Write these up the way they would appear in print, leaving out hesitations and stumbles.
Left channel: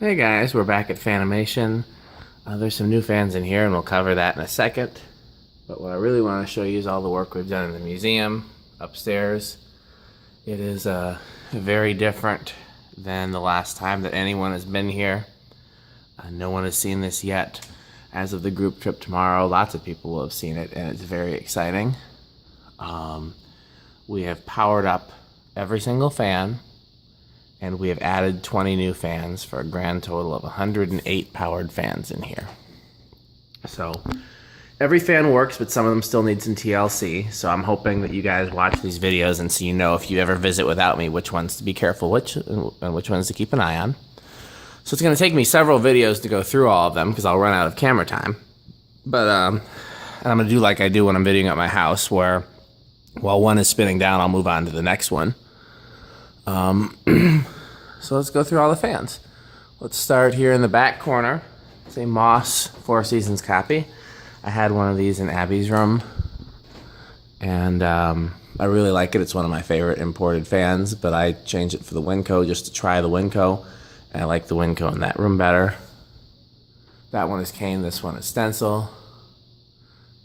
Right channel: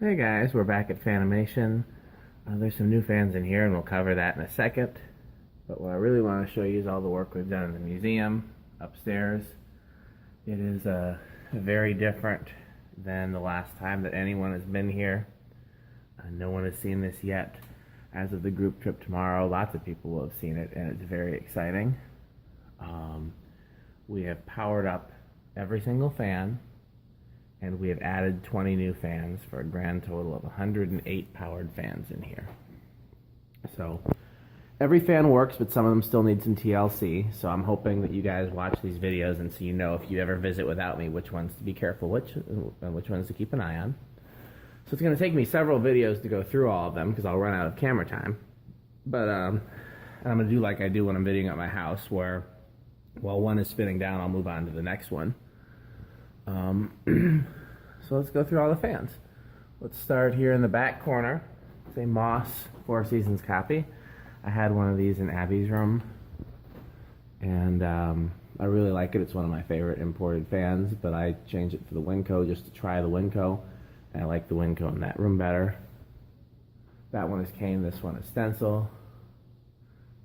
Hey guys, we're back at Fanimation. There's some new fans in here and we'll cover that in a second. But what I really want to show you is all the work we've done in the museum upstairs. It is very different than the last time that anyone has been here. No one has seen this yet. As of the group trip tomorrow, lots of people will have seen it and it's very exciting. We have powered up every single fan, and we have added 20 new fans for a grand total of 108 powered fans in here. So every fan works, but some of them still need some TLC. So I'm hoping that you guys watch these videos and so you know if you ever visit without me, which ones to be careful and which ones to keep an eye on. So it's going to take me several videos to go through all of them because I'll run out of camera time. But I'm going to do like I do when I'm videoing at my house, where while one is spinning down, I'll move on to the next one. So let's go through all the fans. Let's start here in the back corner. It's a Moss Four Seasons copy. I had one of these in Abby's room, and I really like it. It's one of my favorite imported fans, but I changed it for the Winco just to try the Winco, and I like the Winco in that room better. That one is cane, this one is stencil.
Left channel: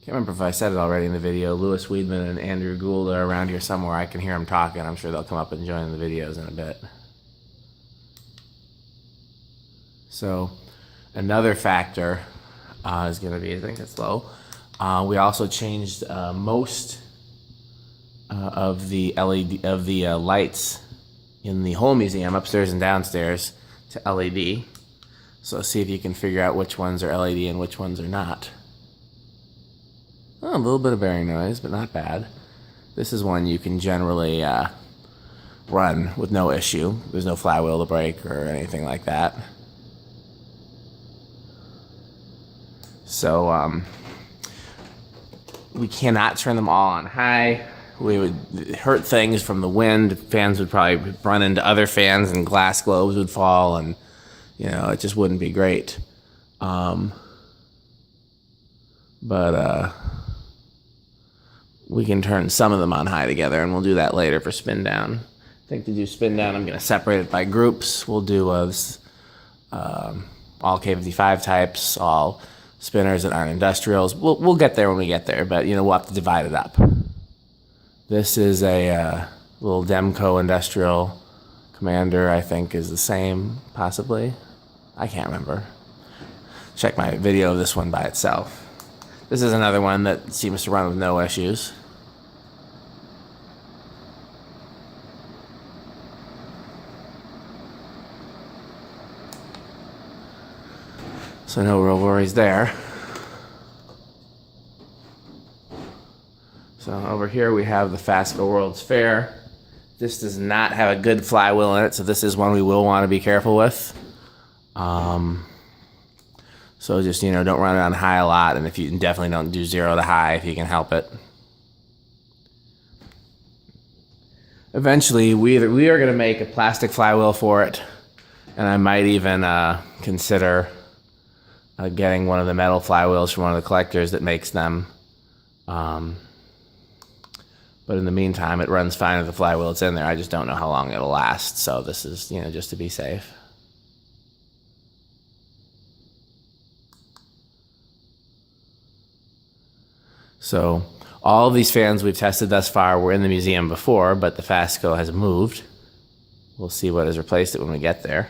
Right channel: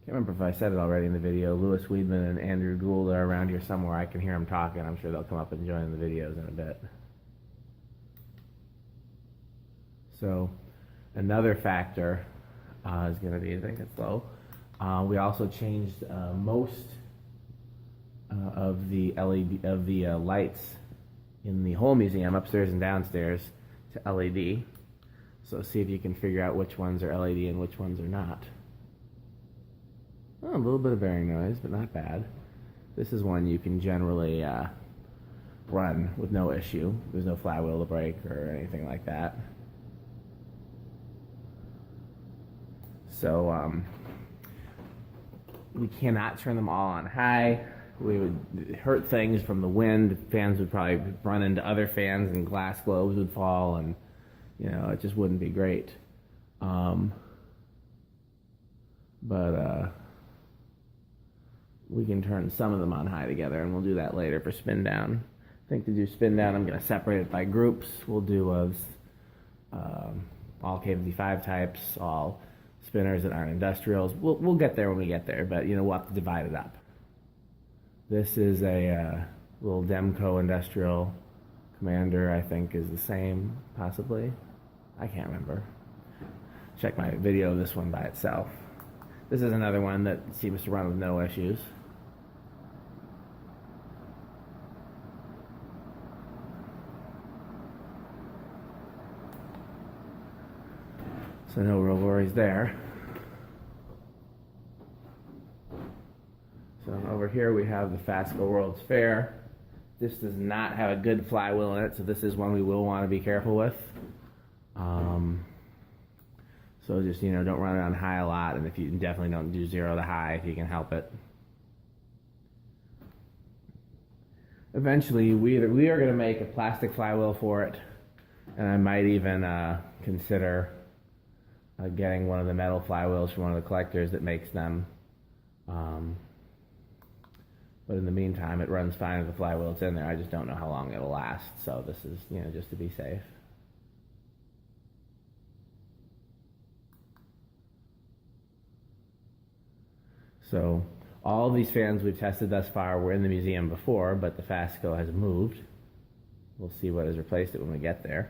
Can't remember if I said it already in the video. Louis Weedman and Andrew Gould are around here somewhere. I can hear them talking. I'm sure they'll come up and join the videos in a bit. So another factor is going to be, I think it's low. We also changed most of the lights in the whole museum, upstairs and downstairs, to LED. So see if you can figure out which ones are LED and which ones are not. Oh, a little bit of bearing noise, but not bad. This is one you can generally run with no issue. There's no flywheel to break or anything like that. So we cannot turn them all on high. We would hurt things from the wind. Fans would probably run into other fans and glass globes would fall, and you know, it just wouldn't be great. We can turn some of them on high together, and we'll do that later for spin down. I think to do spin down, I'm going to separate it by groups. We'll do all K55 types, all spinners that aren't industrials. We'll get there when we get there, but you know, we'll have to divide it up. This is a little Demco industrial. Commander, I think, is the same, possibly. I can't remember. Check my video of this one by itself. This is another one that seems to run with no issues. So no real worries there. So over here we have the Fascicle World's Fair. This does not have a good flywheel in it, so this is one we will want to be careful with. So just, you know, don't run it on high a lot, and if you definitely don't do 0 to high if you can help it. Eventually, we are going to make a plastic flywheel for it, and I might even consider getting one of the metal flywheels from one of the collectors that makes them. But in the meantime, it runs fine with the flywheel it's in there. I just don't know how long it'll last, so this is, you know, just to be safe. So all of these fans we've tested thus far were in the museum before, but the Fascicle has moved. We'll see what has replaced it when we get there.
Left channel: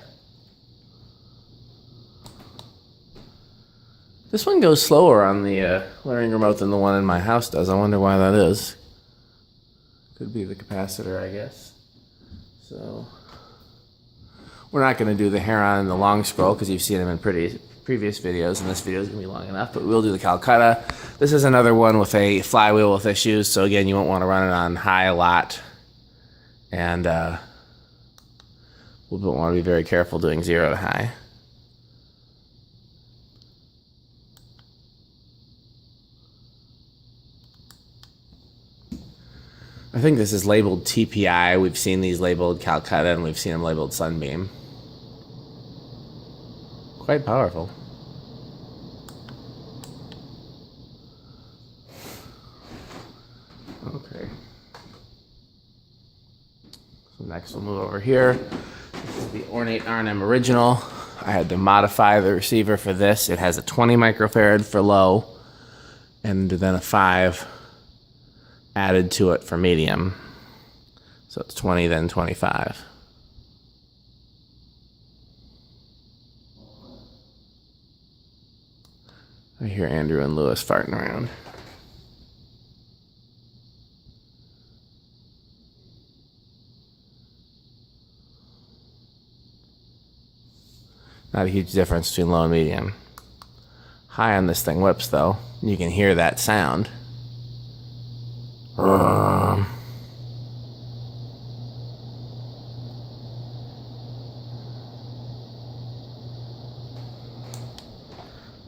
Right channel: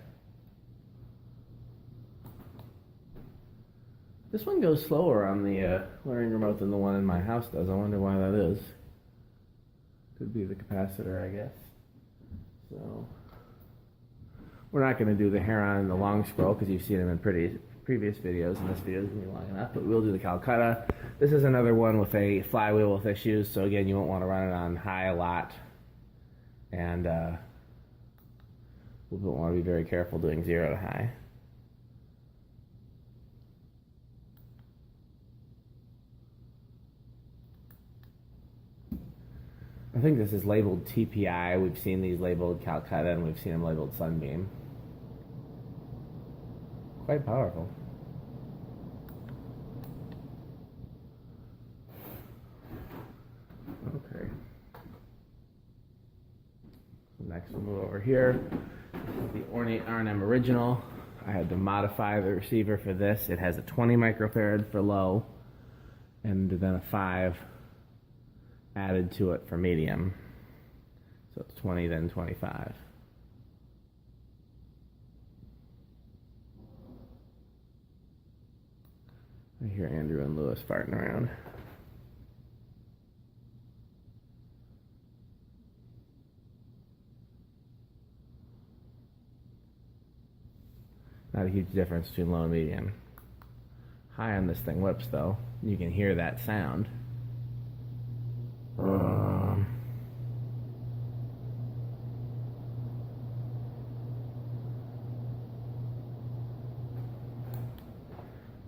This one goes slower on the learning remote than the one in my house does. I wonder why that is. Could be the capacitor, I guess. So we're not going to do the Heron and the long scroll because you've seen them in previous videos, and this video is going to be long enough, but we'll do the Calcutta. This is another one with a flywheel with issues, so again, you won't want to run it on high a lot, and we'll want to be very careful doing 0 to high. I think this is labeled TPI. We've seen these labeled Calcutta, and we've seen them labeled Sunbeam. Quite powerful. Okay. So next we'll move over here. This is the Ornate R&M Original. I had to modify the receiver for this. It has a 20 microfarad for low, and then a 5 added to it for medium. So it's 20, then 25. I hear Andrew and Lewis farting around. Not a huge difference between low and medium. High on this thing whips though. You can hear that sound.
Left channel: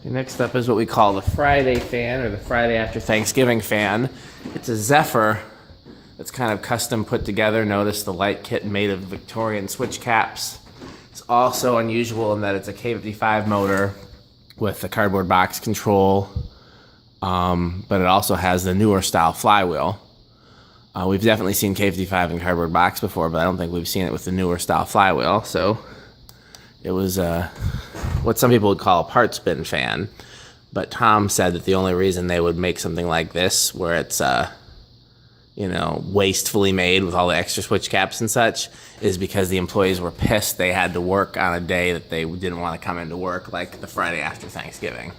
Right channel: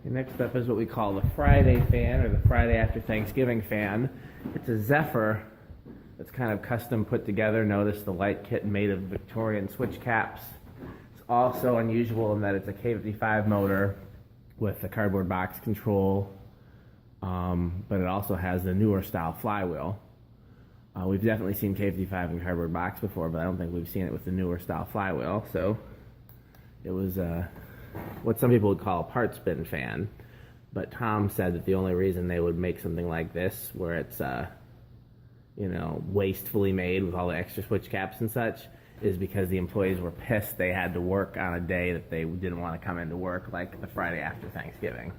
Next up is what we call the Friday fan, or the Friday after Thanksgiving fan. It's a Zephyr that's kind of custom put together. Notice the light kit made of Victorian switch caps. It's also unusual in that it's a K55 motor with the cardboard box control, but it also has the newer style flywheel. We've definitely seen K55 in cardboard box before, but I don't think we've seen it with the newer style flywheel. So it was what some people would call a part spin fan, but Tom said that the only reason they would make something like this, where it's wastefully made with all the extra switch caps and such, is because the employees were pissed they had to work on a day that they didn't want to come into work, like the Friday after Thanksgiving.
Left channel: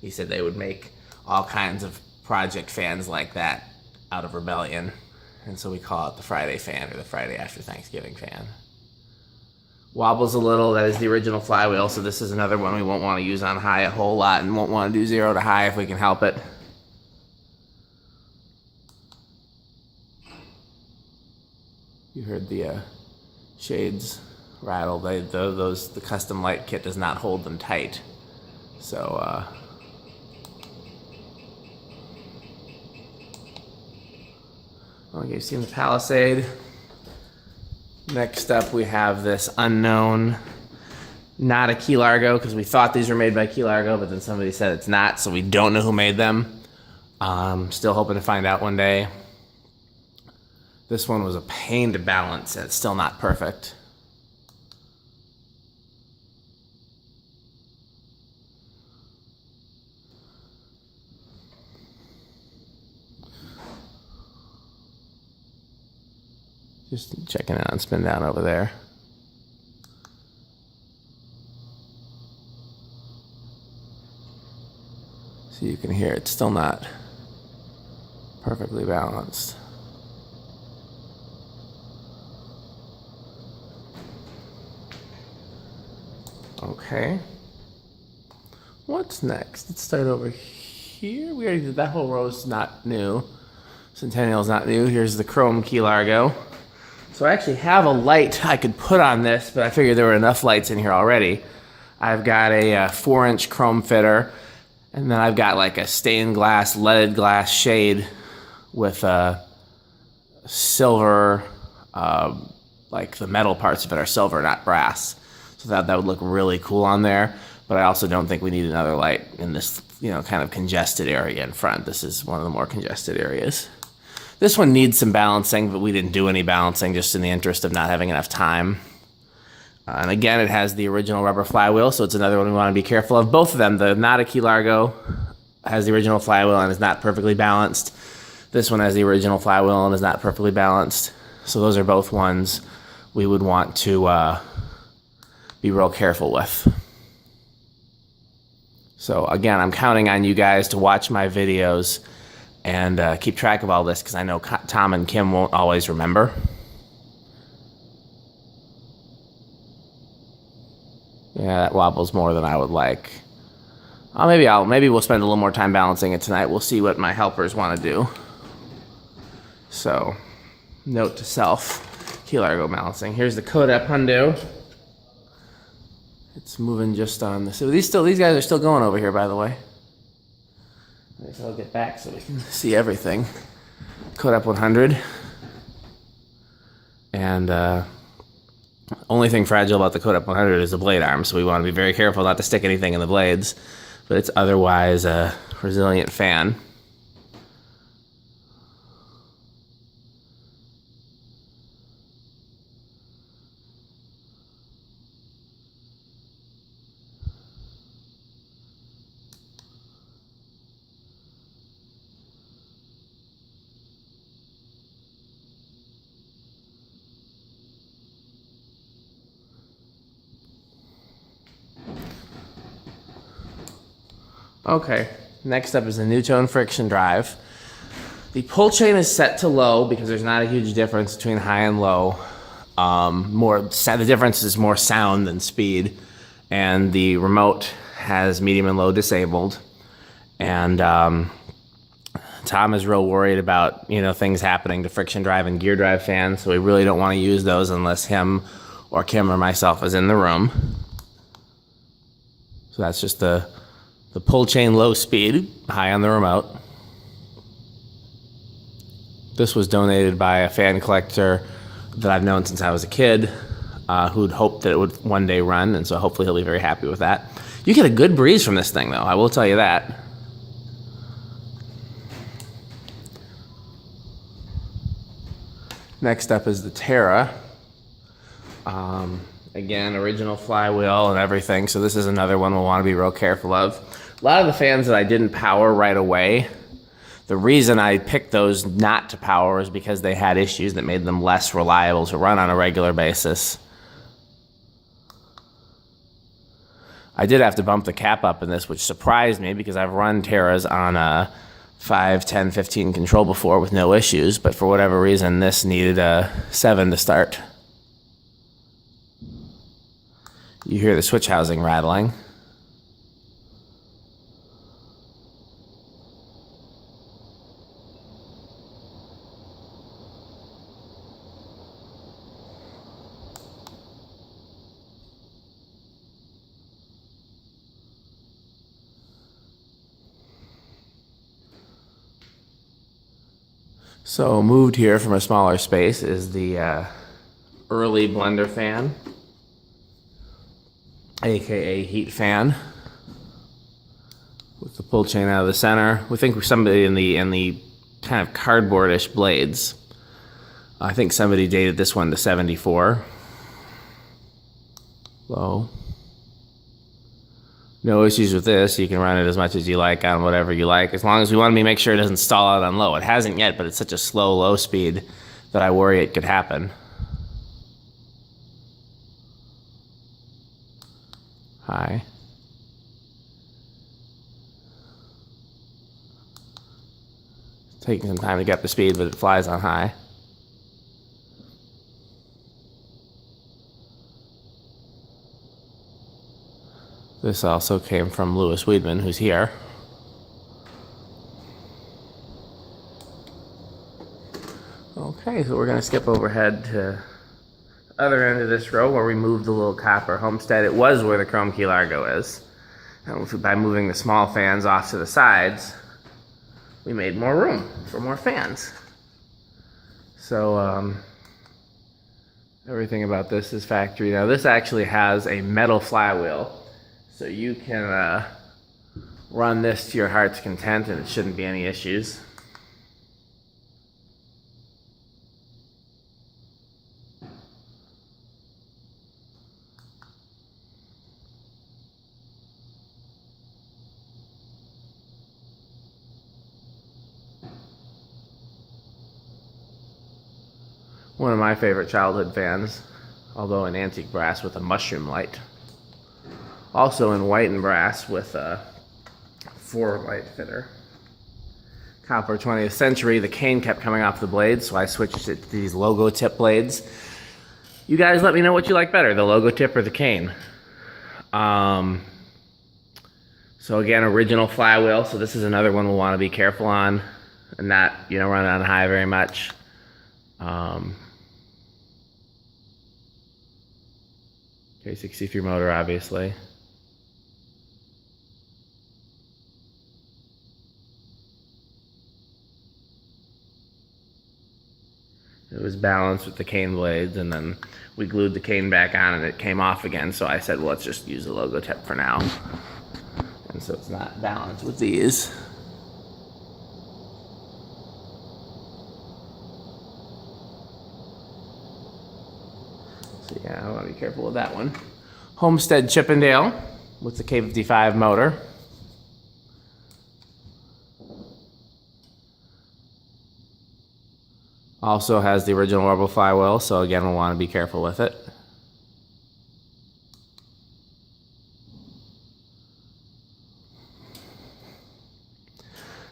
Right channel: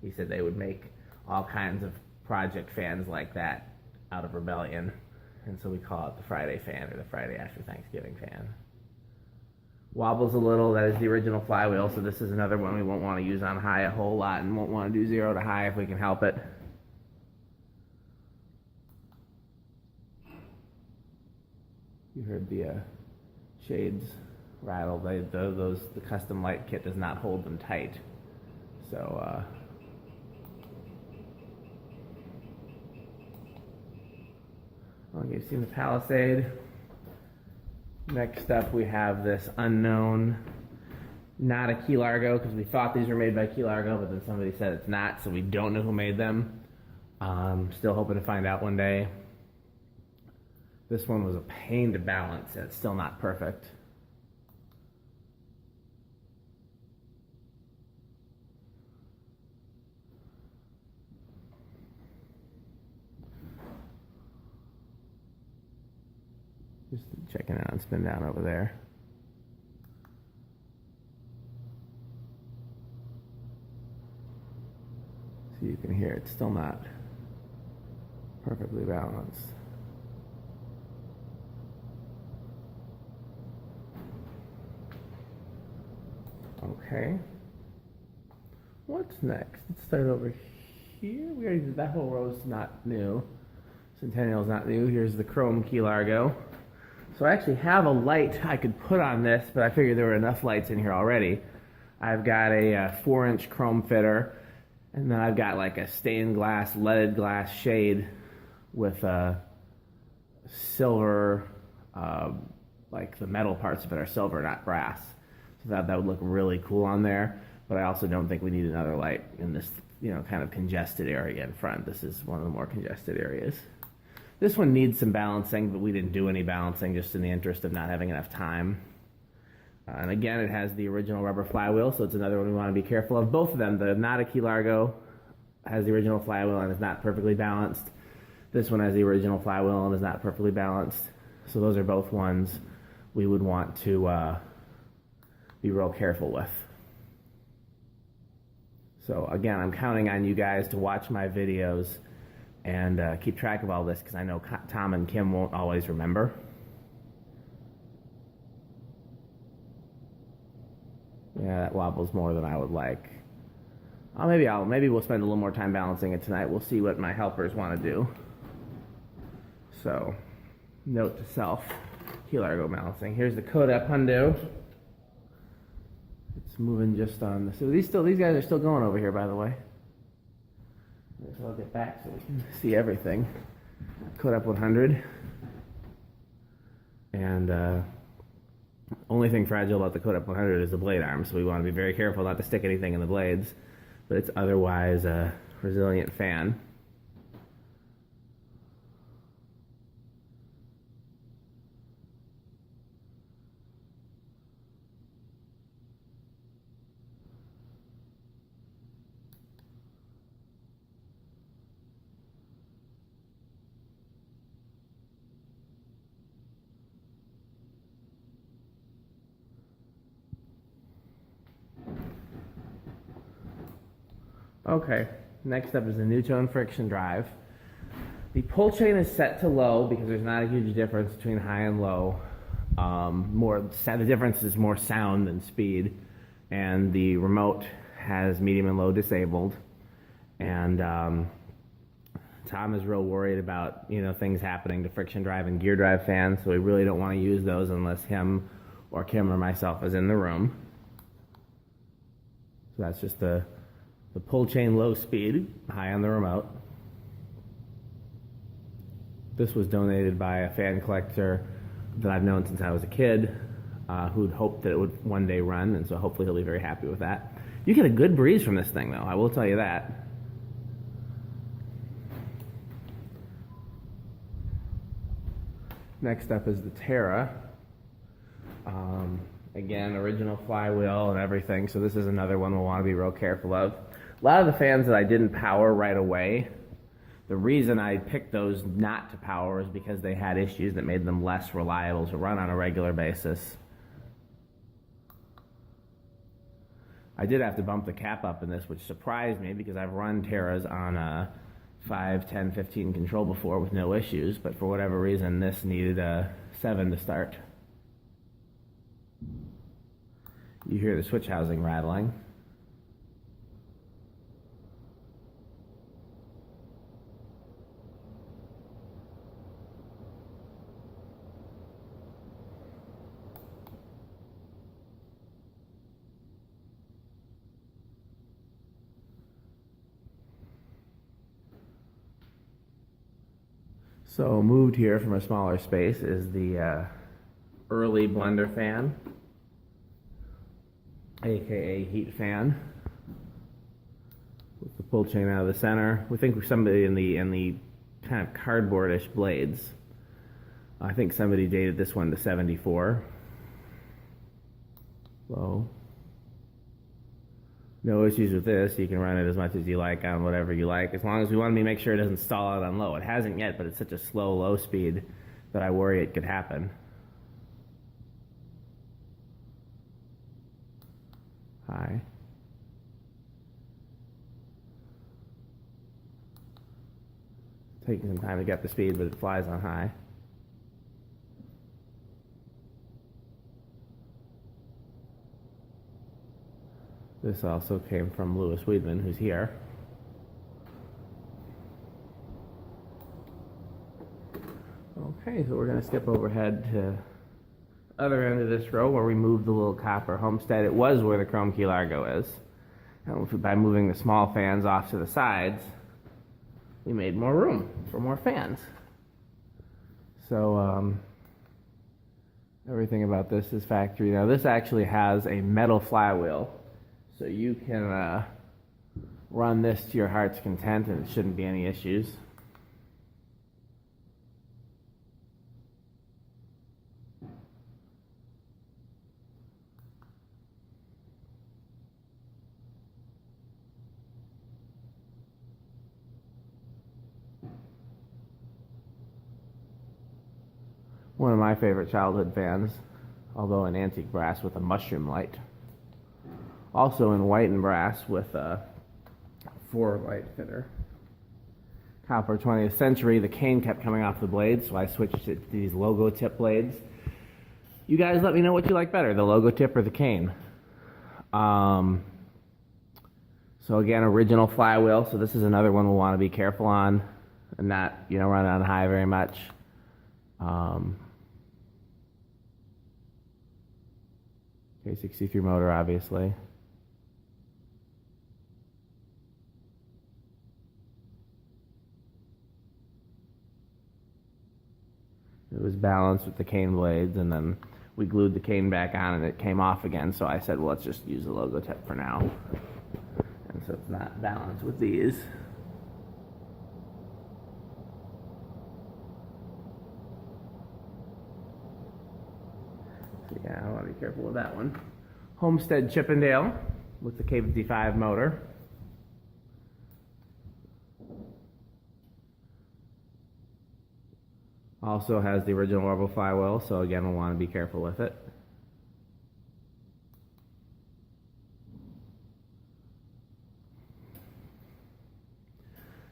He said they would make all kinds of project fans like that out of rebellion, and so we call it the Friday fan, or the Friday after Thanksgiving fan. Wobbles a little. That is the original flywheel, so this is another one we won't want to use on high a whole lot, and won't want to do 0 to high if we can help it. You heard the shades rattle. The custom light kit does not hold them tight, so okay, you've seen the Palisade. Next up, we have this unknown, not a Key Largo, because we thought these were made by Key Largo, but then somebody said it's not, so we don't know who made them. Still hoping to find out one day. This one was a pain to balance, and it's still not perfect. Just checking it on spin down over there. So you can hear it's still not perfectly balanced. Okay. What's next? Let's start over here. We already did that whole row's not new. Centennial's not new. Here's the Chroma Key Largo. So I actually have a light I could put on this, but I figured there were enough lights in here already. I've got a 4-inch chrome fitter, and then I've got like a stained glass, leaded glass shade with silver, like the metal parts of it are silver, not brass. So that would look really cool on there. But I also don't think we need another light in this, kind of congested area in front. This is one of the more congested areas. This one needs some balancing, but we didn't do any balancing just in the interest of not having enough time. And again, it has the original rubber flywheel, so it's another one we want to be careful of. Both of them, the not a Key Largo has the original flywheel and is not perfectly balanced. This one has the original flywheel and is not perfectly balanced. So those are both ones we would want to be real careful with. So again, I'm counting on you guys to watch my videos and keep track of all this, because I know Tom and Kim won't always remember. Yeah, that wobbles more than I would like. Maybe we'll spend a little more time balancing it tonight. We'll see what my helpers want to do. So, note to self, Key Largo balancing. Here's the Kodak Hundo. It's moving just on the. So these guys are still going over here, by the way. I guess I'll get back so we can see everything. Kodak 100. And only thing fragile about the Kodak 100 is the blade arm, so we want to be very careful not to stick anything in the blades. But it's otherwise a resilient fan. Okay, next up is the Newtone friction drive. The pull chain is set to low because there's not a huge difference between high and low. The difference is more sound than speed, and the remote has medium and low disabled. And Tom is real worried about things happening to friction drive and gear drive fans, so we really don't want to use those unless him or Kim or myself is in the room. So that's just the pull chain low speed, high on the remote. This was donated by a fan collector that I've known since I was a kid, who'd hoped that it would one day run, and so hopefully he'll be very happy with that. You get a good breeze from this thing, though, I will tell you that. Next up is the Terra. Again, original flywheel and everything, so this is another one we'll want to be real careful of. A lot of the fans that I didn't power right away, the reason I picked those not to power is because they had issues that made them less reliable to run on a regular basis. I did have to bump the cap up in this, which surprised me because I've run Terras on a 5, 10, 15 control before with no issues, but for whatever reason this needed a 7 to start. You hear the switch housing rattling. So moved here from a smaller space is the early blender fan, aka heat fan, with the pull chain out of the center. We think somebody in the kind of cardboardish blades. I think somebody dated this one to 74. Low. No issues with this. You can run it as much as you like on whatever you like, as long as we want to make sure it doesn't stall out on low. It hasn't yet, but it's such a slow, low speed that I worry it could happen. High. Taking some time to get the speed, but it flies on high. This also came from Louis Weedman, who's here. Okay, so we're going to skip overhead to the other end of this row where we moved the little copper homestead. It was where the Chroma Key Largo is. And by moving the small fans off to the sides, we made more room for more fans. So everything about this is factory. Now this actually has a metal flywheel, so you can run this to your heart's content and it shouldn't be any issues. One of my favorite childhood fans, although in antique brass with a mushroom light. Also in white and brass with a 4-light fitter. Copper 20th century, the cane kept coming off the blades, so I switched it to these logo tip blades. You guys let me know what you like better, the logo tip or the cane. So again, original flywheel, so this is another one we'll want to be careful on and not, run it on high very much. K63 motor, obviously. It was balanced with the cane blades, and then we glued the cane back on and it came off again, so I said, well, let's just use the logo tip for now. And so it's not balanced with these. So yeah, I want to be careful with that one. Homestead Chippendale with the K55 motor. Also has the original orbital flywheel, so again, we'll want to be careful with it.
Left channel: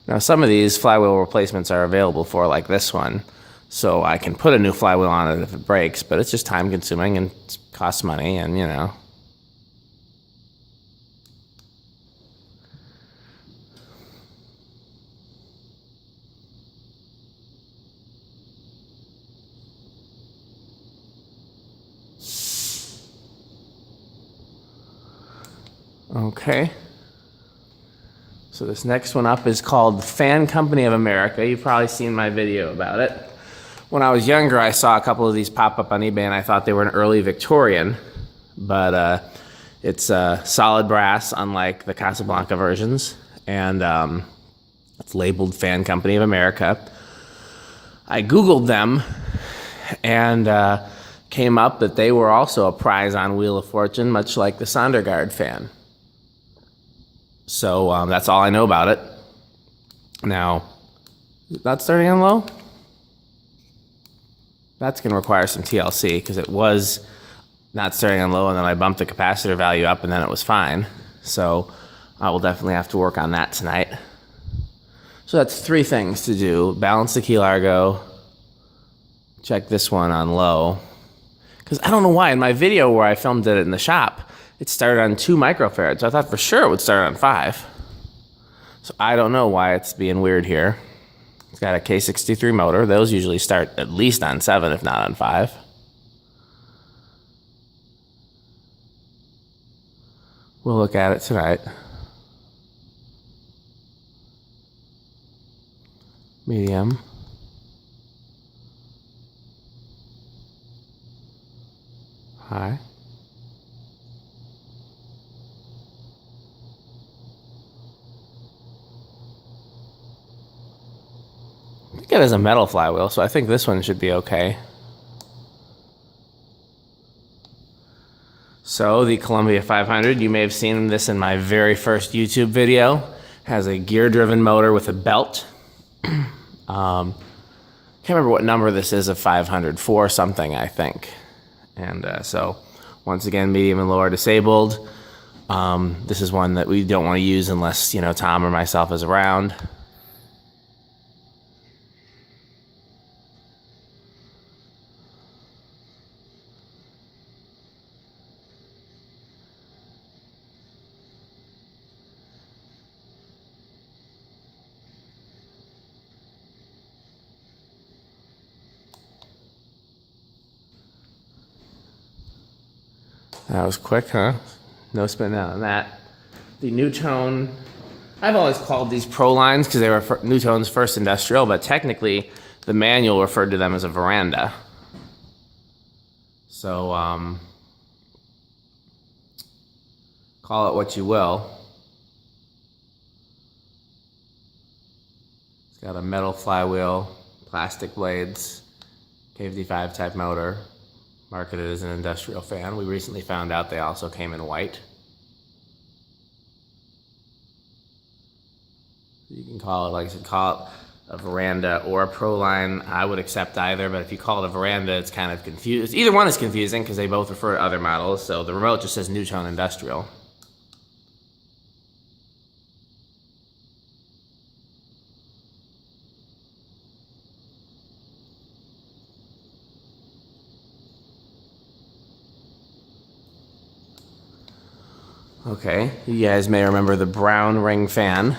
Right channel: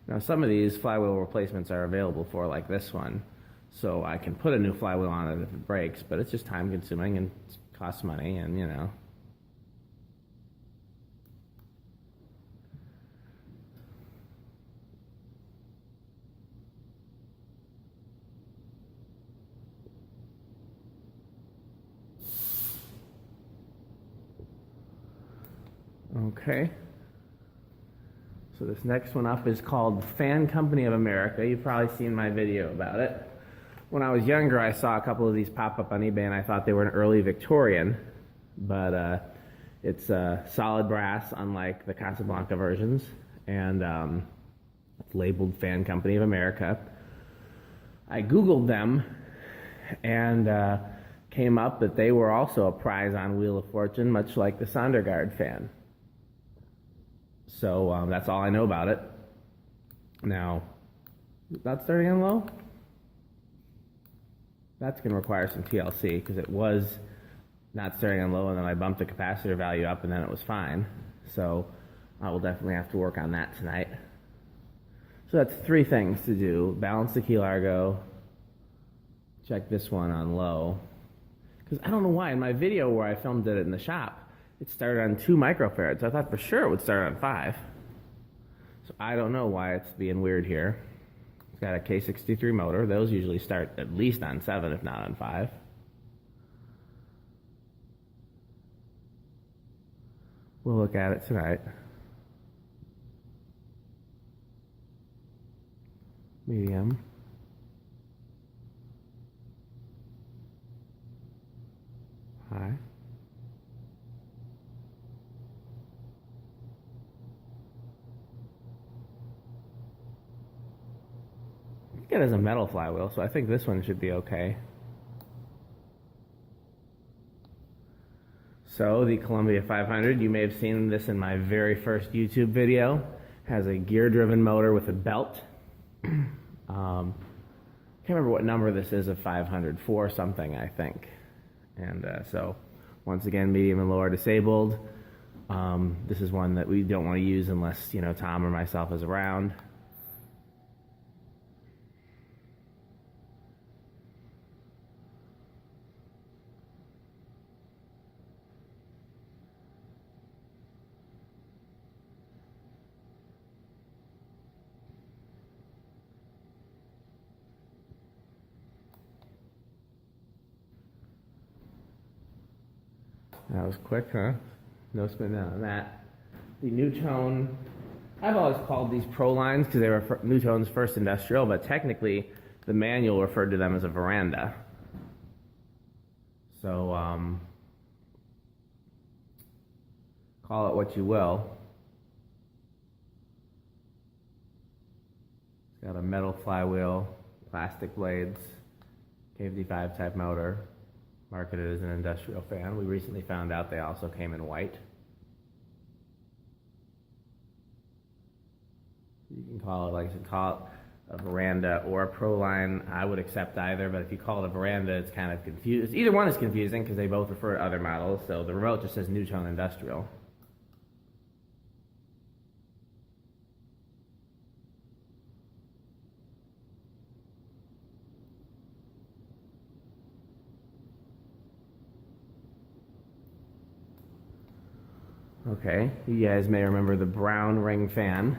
Now, some of these flywheel replacements are available for, like this one, so I can put a new flywheel on it if it breaks, but it's just time consuming and it costs money, and you know. Okay. So this next one up is called Fan Company of America. You've probably seen my video about it. When I was younger, I saw a couple of these pop up on eBay and I thought they were an early Victorian, but it's solid brass, unlike the Casablanca versions, and it's labeled Fan Company of America. I Googled them and came up that they were also a prize on Wheel of Fortune, much like the Sondergaard fan. So that's all I know about it. Now, not starting on low? That's going to require some TLC because it was not starting on low, and then I bumped the capacitor value up and then it was fine. So I will definitely have to work on that tonight. So that's 3 things to do. Balance the Key Largo. Check this one on low. Because I don't know why, in my video where I filmed it in the shop, it started on 2 microfarads. I thought for sure it would start on 5. So I don't know why it's being weird here. It's got a K63 motor. Those usually start at least on 7, if not on 5. We'll look at it tonight. Medium. High. I think it has a metal flywheel, so I think this one should be okay. So the Columbia 500, you may have seen this in my very first YouTube video, has a gear-driven motor with a belt. Can't remember what number this is of 500, 4 something, I think. And so, once again, medium and low are disabled. This is one that we don't want to use unless, you know, Tom or myself is around. That was quick, huh? No spin out on that. The Newtone, I've always called these Pro lines because they were Newtone's first industrial, but technically the manual referred to them as a veranda. So, call it what you will. It's got a metal flywheel, plastic blades, KFD5 type motor. Marketed as an industrial fan. We recently found out they also came in white. You can call it, like I said, call it a veranda or a Pro line. I would accept either, but if you call it a veranda, it's kind of confused. Either one is confusing because they both refer to other models. So the remote just says Newtone Industrial. Okay, you guys may remember the brown ring fan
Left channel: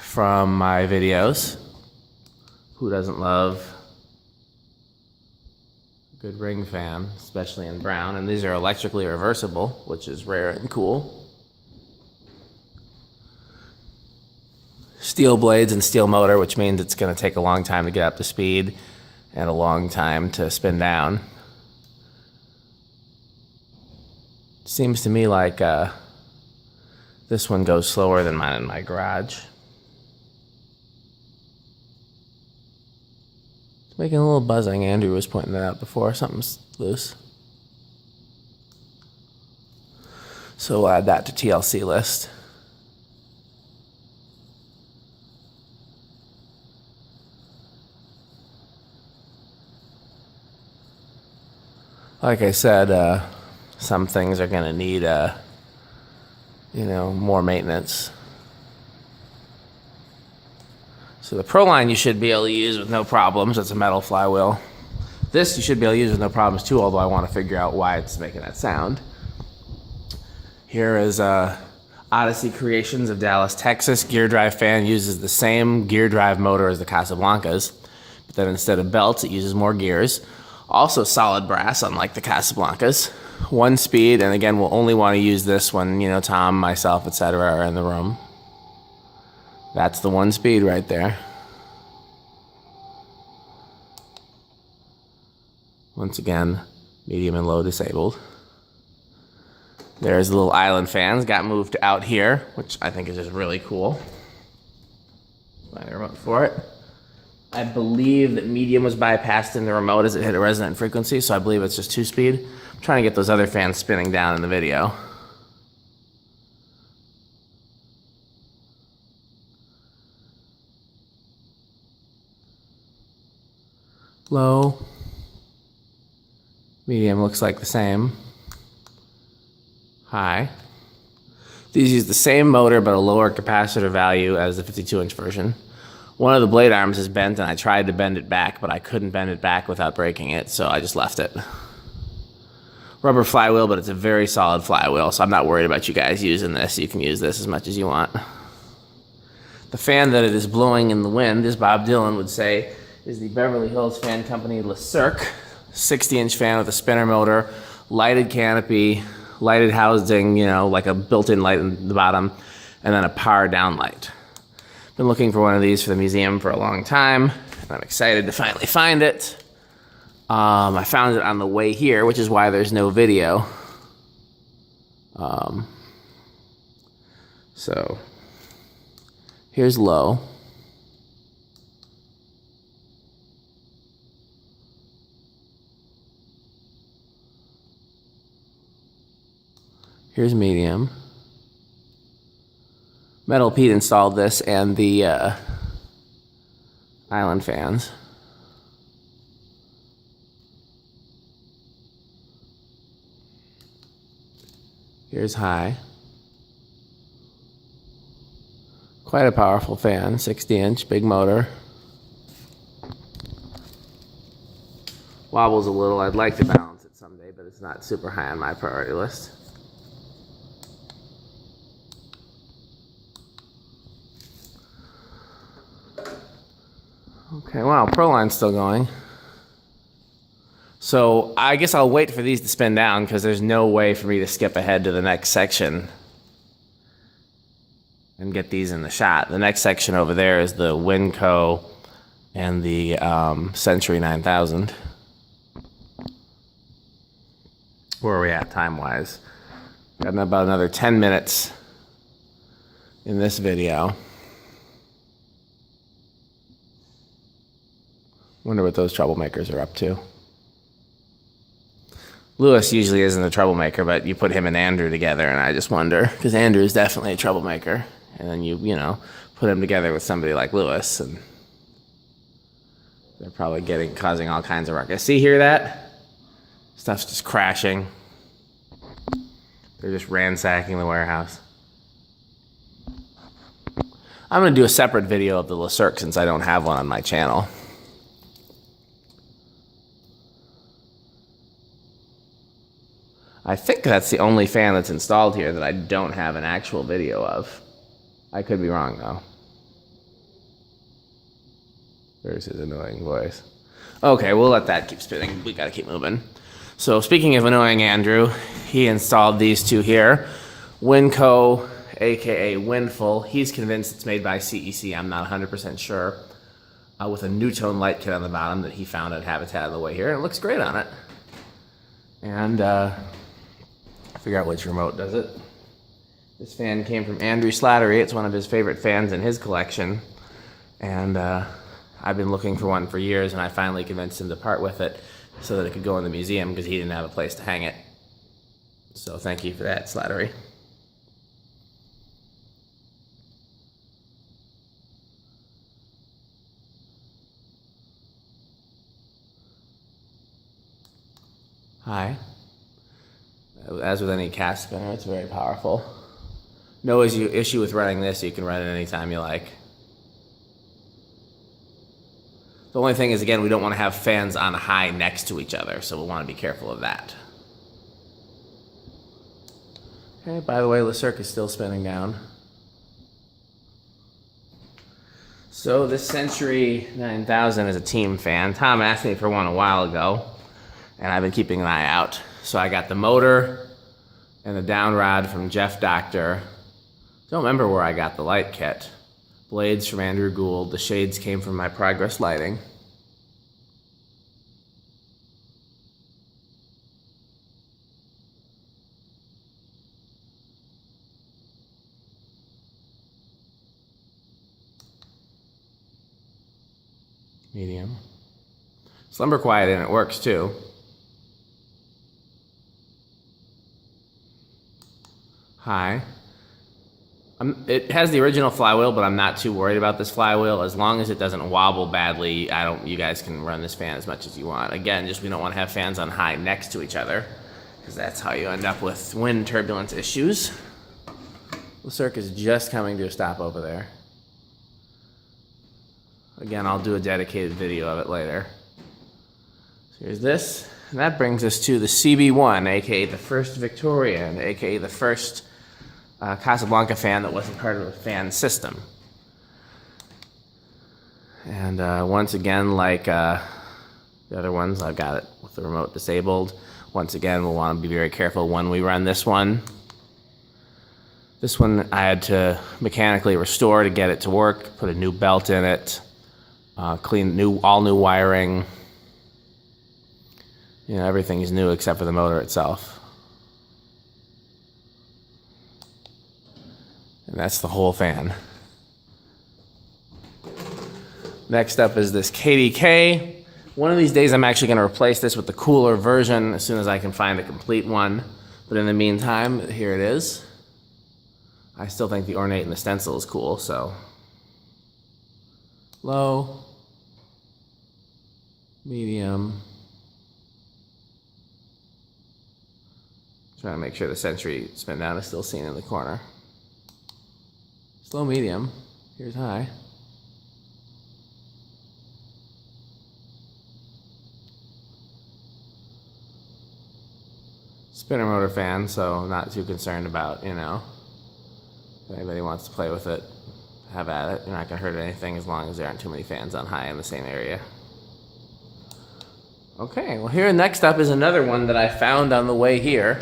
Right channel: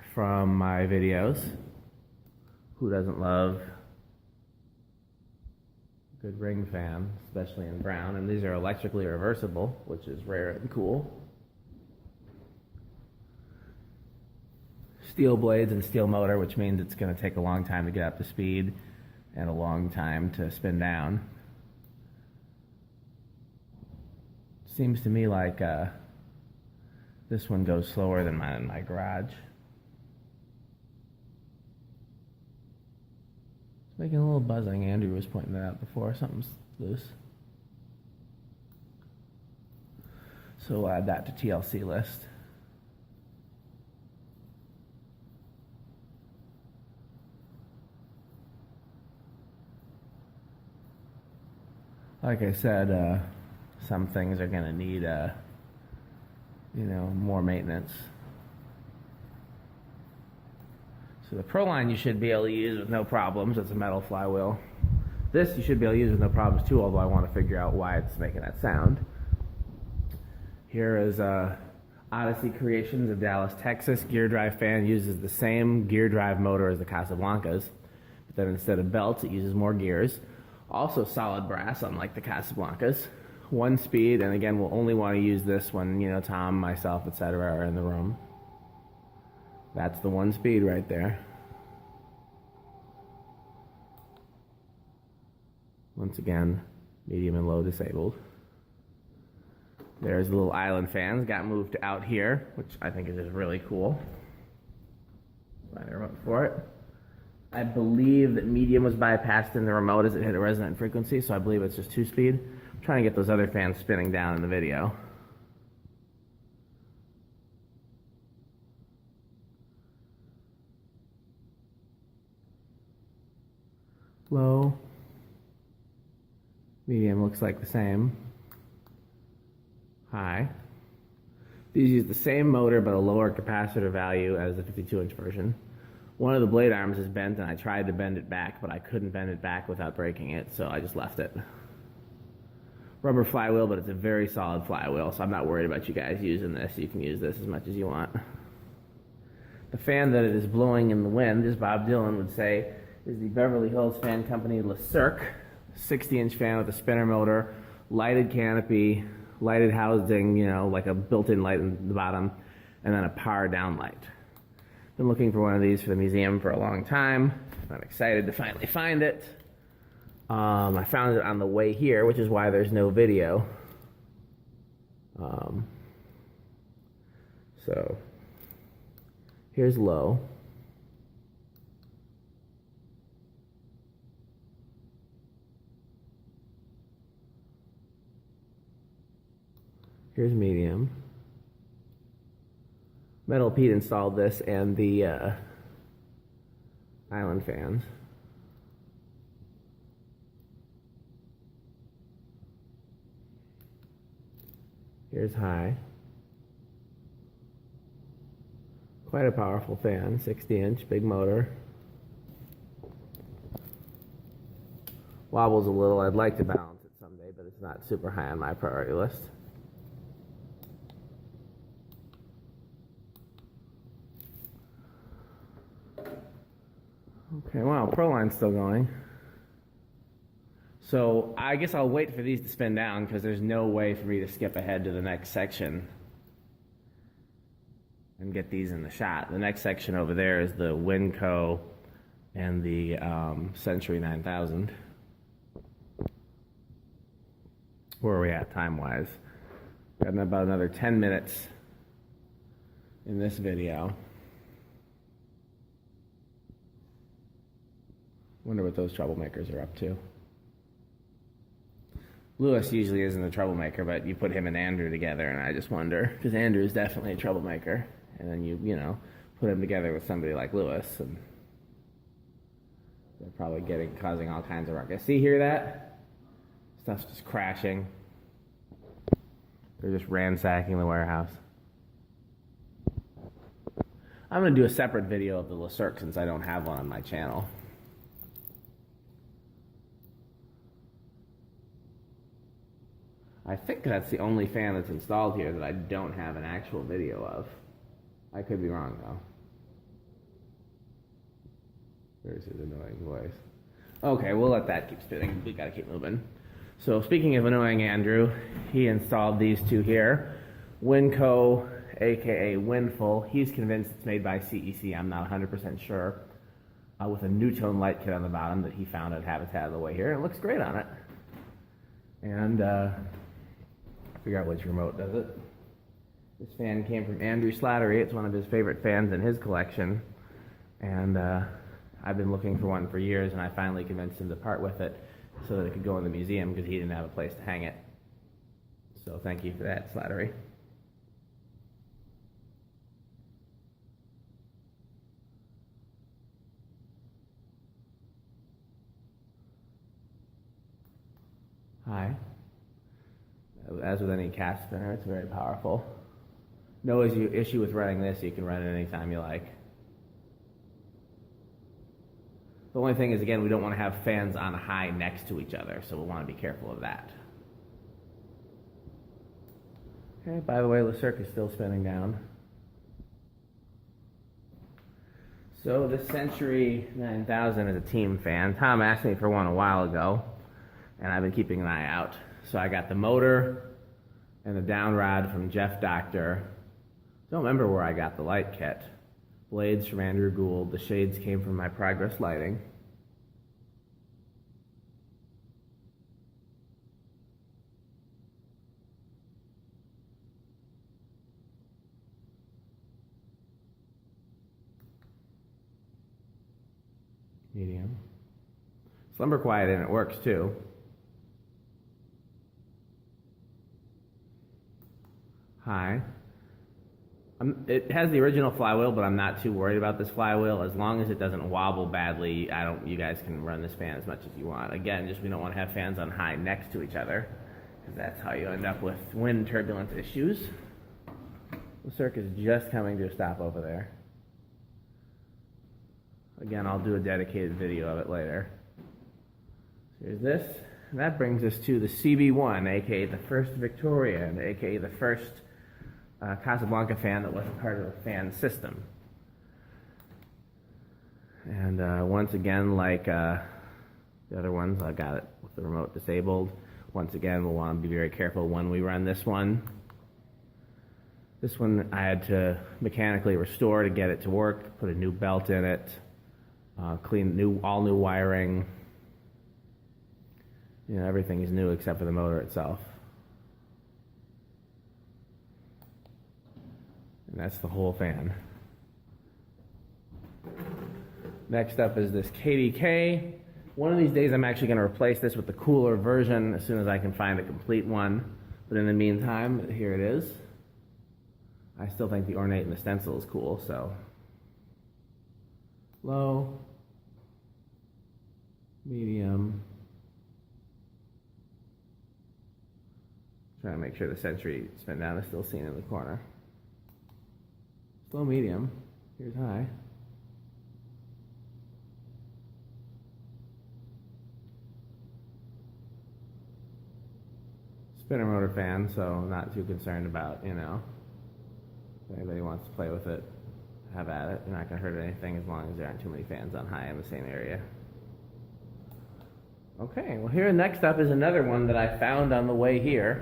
from my videos. Who doesn't love a good ring fan, especially in brown? And these are electrically reversible, which is rare and cool. Steel blades and steel motor, which means it's going to take a long time to get up to speed and a long time to spin down. Seems to me like this one goes slower than mine in my garage. It's making a little buzzing. Andrew was pointing that out before. Something's loose. So we'll add that to TLC list. Like I said, some things are going to need more maintenance. So the Pro line you should be able to use with no problems. It's a metal flywheel. This you should be able to use with no problems too, although I want to figure out why it's making that sound. Here is Odyssey Creations of Dallas, Texas. Gear drive fan uses the same gear drive motor as the Casablancas, but then instead of belts, it uses more gears. Also solid brass, unlike the Casablancas. 1 speed, and again, we'll only want to use this when, you know, Tom, myself, etc. are in the room. That's the 1 speed right there. Once again, medium and low disabled. There's the little island fans, got moved out here, which I think is just really cool. Find a remote for it. I believe that medium was bypassed in the remote as it hit a resonant frequency, so I believe it's just 2 speed. I'm trying to get those other fans spinning down in the video. Low. Medium looks like the same. High. These use the same motor but a lower capacitor value as the 52-inch version. One of the blade arms is bent, and I tried to bend it back, but I couldn't bend it back without breaking it, so I just left it. Rubber flywheel, but it's a very solid flywheel, so I'm not worried about you guys using this. You can use this as much as you want. The fan that it is blowing in the wind, as Bob Dylan would say, is the Beverly Hills Fan Company Le Cirque 60-inch fan with a spinner motor, lighted canopy, lighted housing, you know, like a built-in light in the bottom, and then a power down light. Been looking for one of these for the museum for a long time, and I'm excited to finally find it. I found it on the way here, which is why there's no video. So here's low. Here's medium. Metal Pete installed this and the island fans. Here's high. Quite a powerful fan, 60-inch, big motor. Wobbles a little. I'd like to balance it someday, but it's not super high on my priority list. Okay, wow, Pro line's still going. So I guess I'll wait for these to spin down because there's no way for me to skip ahead to the next section and get these in the shot. The next section over there is the Winco and the Century 9000. Where are we at time-wise? Got about another 10 minutes in this video. Wonder what those troublemakers are up to. Lewis usually isn't a troublemaker, but you put him and Andrew together, and I just wonder, because Andrew is definitely a troublemaker, and then you know, put him together with somebody like Lewis, and they're probably causing all kinds of ruckus. See, hear that? Stuff's just crashing. They're just ransacking the warehouse. I'm going to do a separate video of the Le Cirque since I don't have one on my channel. I think that's the only fan that's installed here that I don't have an actual video of. I could be wrong, though. There's his annoying voice. Okay, we'll let that keep spinning. We gotta keep moving. So speaking of annoying Andrew, he installed these two here. Winco, aka Windful. He's convinced it's made by CEC. I'm not 100% sure. With a Newtone light kit on the bottom that he found at Habitat on the way here. It looks great on it. And figure out which remote does it. This fan came from Andrew Slattery. It's one of his favorite fans in his collection. And I've been looking for one for years, and I finally convinced him to part with it so that it could go in the museum because he didn't have a place to hang it. So thank you for that, Slattery. Hi. As with any cast spinner, it's very powerful. No issue with running this. You can run it anytime you like. The only thing is, again, we don't want to have fans on high next to each other, so we'll want to be careful of that. Okay, by the way, Le Cirque is still spinning down. So this Century 9000 is a team fan. Tom asked me for one a while ago, and I've been keeping an eye out. So I got the motor and the down rod from Jeff Doctor. Don't remember where I got the light kit. Blades from Andrew Gould. The shades came from my Progress Lighting. Medium. Slumber quiet and it works too. High. It has the original flywheel, but I'm not too worried about this flywheel. As long as it doesn't wobble badly, you guys can run this fan as much as you want. Again, just we don't want to have fans on high next to each other, because that's how you end up with wind turbulence issues. The Cirque is just coming to a stop over there. Again, I'll do a dedicated video of it later. So here's this, and that brings us to the CB1, aka the first Victorian, aka the first Casablanca fan that wasn't part of a fan system. And once again, like the other ones, I've got it with the remote disabled. Once again, we'll want to be very careful when we run this one. This one I had to mechanically restore to get it to work, put a new belt in it. Clean all new wiring. You know, everything is new except for the motor itself. And that's the whole fan. Next up is this KDK. One of these days I'm actually going to replace this with the cooler version as soon as I can find a complete one. But in the meantime, here it is. I still think the ornate and the stencil is cool, so. Low, medium. Trying to make sure the Century spin down is still seen in the corner. Slow, medium. Here's high. Spinner motor fan, so I'm not too concerned about, you know, if anybody wants to play with it, have at it. You're not going to hurt anything as long as there aren't too many fans on high in the same area. Okay, well here next up is another one that I found on the way here.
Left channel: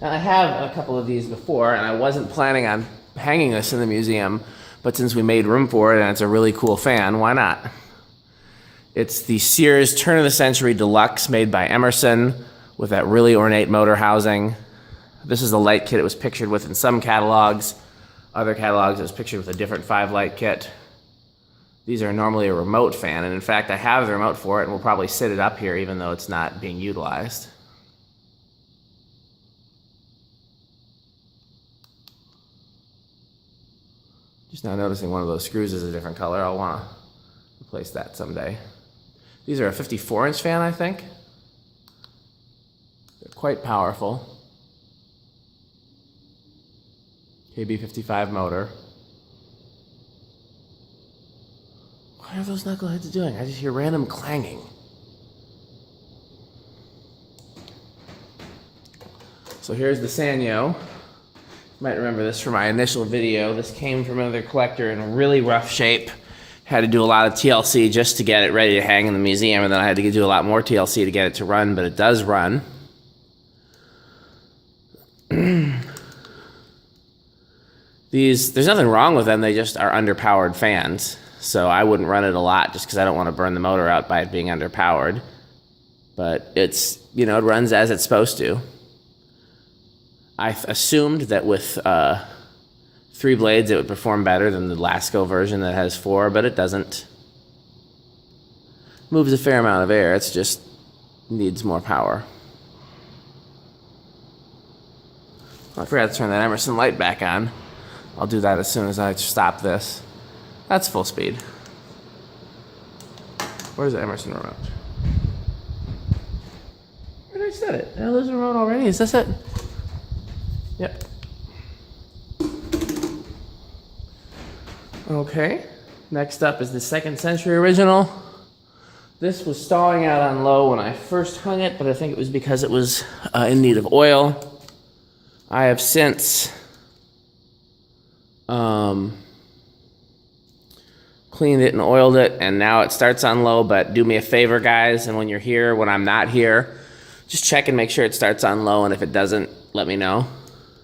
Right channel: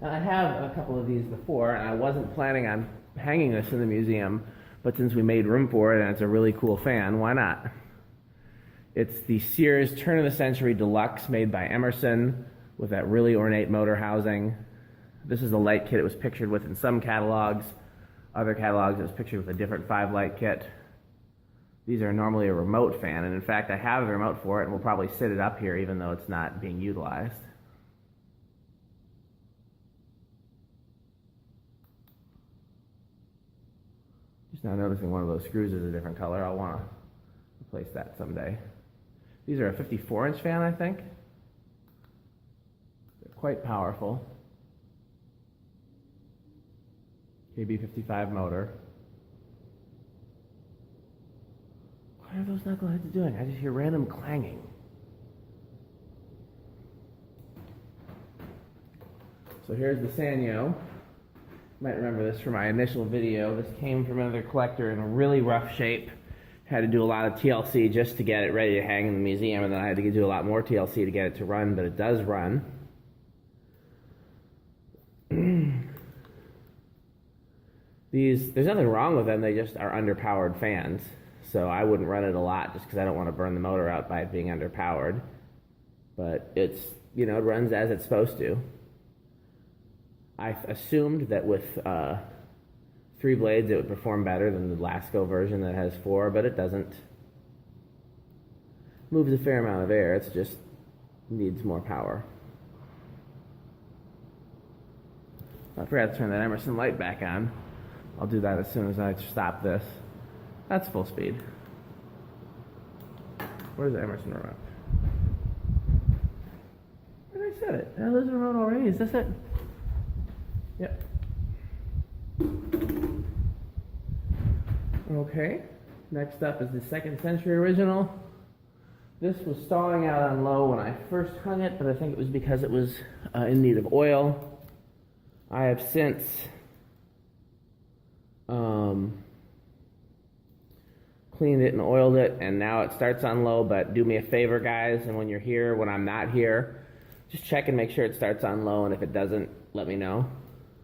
And I have a couple of these before, and I wasn't planning on hanging this in the museum, but since we made room for it and it's a really cool fan, why not? It's the Sears Turn of the Century Deluxe made by Emerson with that really ornate motor housing. This is the light kit it was pictured with in some catalogs. Other catalogs it was pictured with a different 5-light kit. These are normally a remote fan, and in fact I have the remote for it and we'll probably sit it up here even though it's not being utilized. Just now noticing one of those screws is a different color. I'll want to replace that someday. These are a 54-inch fan, I think. They're quite powerful. KB55 motor. What are those knuckleheads doing? I just hear random clanging. So here's the Sanyo. You might remember this from my initial video. This came from another collector in a really rough shape. Had to do a lot of TLC just to get it ready to hang in the museum, and then I had to do a lot more TLC to get it to run, but it does run. There's nothing wrong with them, they just are underpowered fans. So I wouldn't run it a lot just because I don't want to burn the motor out by it being underpowered. But it's, you know, it runs as it's supposed to. I assumed that with 3 blades it would perform better than the Lasco version that has 4, but it doesn't. Moves a fair amount of air, it's just needs more power. I forgot to turn that Emerson light back on. I'll do that as soon as I stop this. That's full speed. Where's the Emerson remote? Where did I set it? There's a remote already. Is this it? Yep. Okay. Next up is the 2nd Century original. This was stalling out on low when I first hung it, but I think it was because it was in need of oil. I have since cleaned it and oiled it, and now it starts on low. But do me a favor, guys, and when you're here, when I'm not here, just check and make sure it starts on low, and if it doesn't, let me know,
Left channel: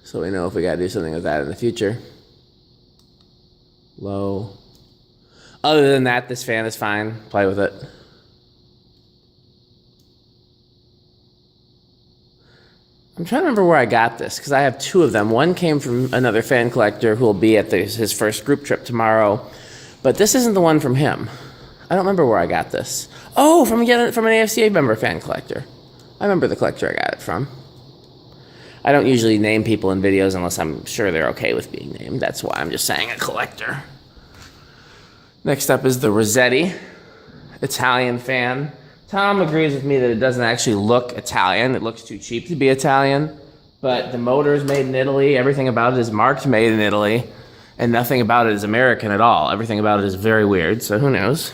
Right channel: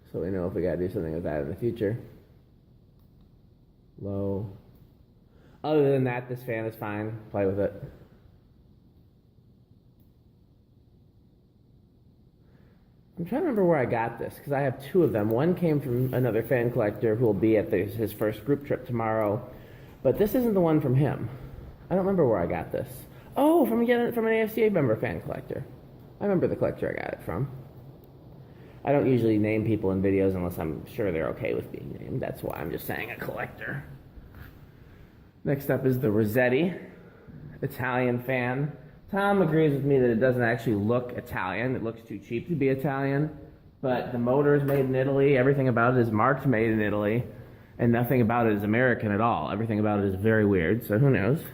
so we know if we gotta do something with that in the future. Low. Other than that, this fan is fine. Play with it. I'm trying to remember where I got this, because I have two of them. One came from another fan collector who will be at his first group trip tomorrow, but this isn't the one from him. I don't remember where I got this. Oh, from an AFCA member fan collector. I remember the collector I got it from. I don't usually name people in videos unless I'm sure they're okay with being named. That's why I'm just saying a collector. Next up is the Rossetti Italian Fan. Tom agrees with me that it doesn't actually look Italian. It looks too cheap to be Italian. But the motor is made in Italy. Everything about it is marked made in Italy. And nothing about it is American at all. Everything about it is very weird, so who knows?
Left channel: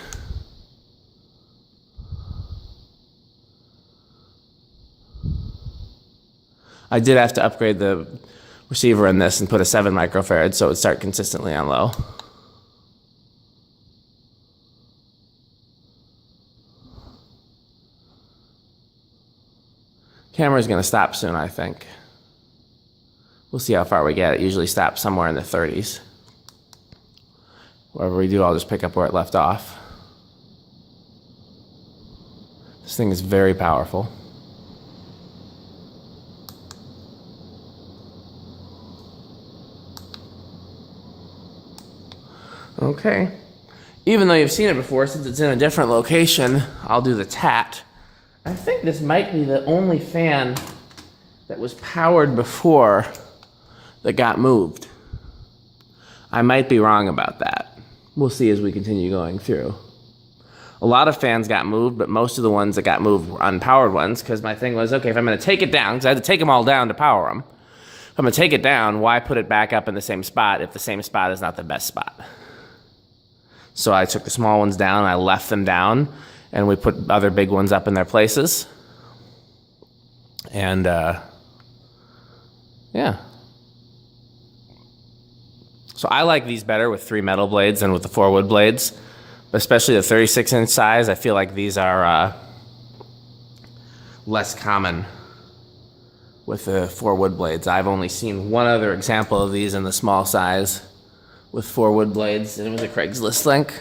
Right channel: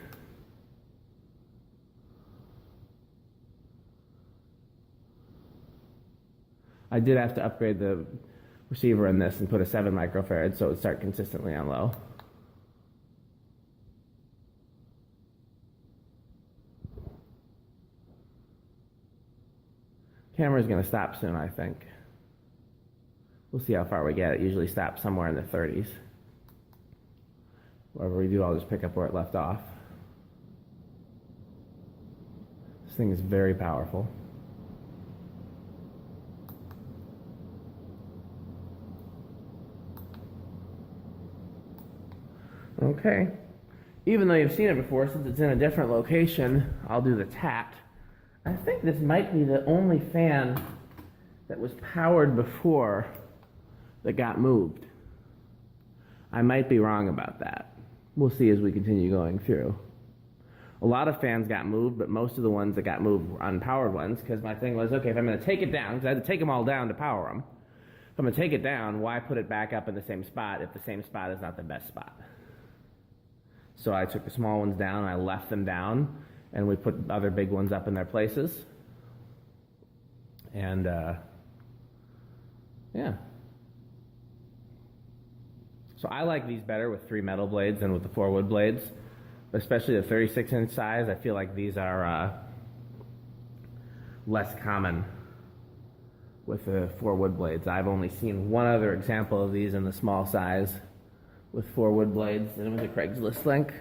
I did have to upgrade the receiver in this and put a 7 microfarad so it would start consistently on low. Camera's gonna stop soon, I think. We'll see how far we get. It usually stops somewhere in the 30s. Wherever we do, I'll just pick up where it left off. This thing is very powerful. Okay. Even though you've seen it before, since it's in a different location, I'll do the tat. I think this might be the only fan that was powered before that got moved. I might be wrong about that. We'll see as we continue going through. A lot of fans got moved, but most of the ones that got moved were unpowered ones, because my thing was, okay, if I'm going to take it down, because I had to take them all down to power them, if I'm going to take it down, why put it back up in the same spot if the same spot is not the best spot? So I took the small ones down, I left them down, and we put other big ones up in their places. And, yeah. So I like these better with 3 metal blades than with the 4 wood blades, especially the 36-inch size. I feel like these are less common with the 4 wood blades. I've only seen one other example of these in the small size with 4 wood blades, and it was a Craigslist link.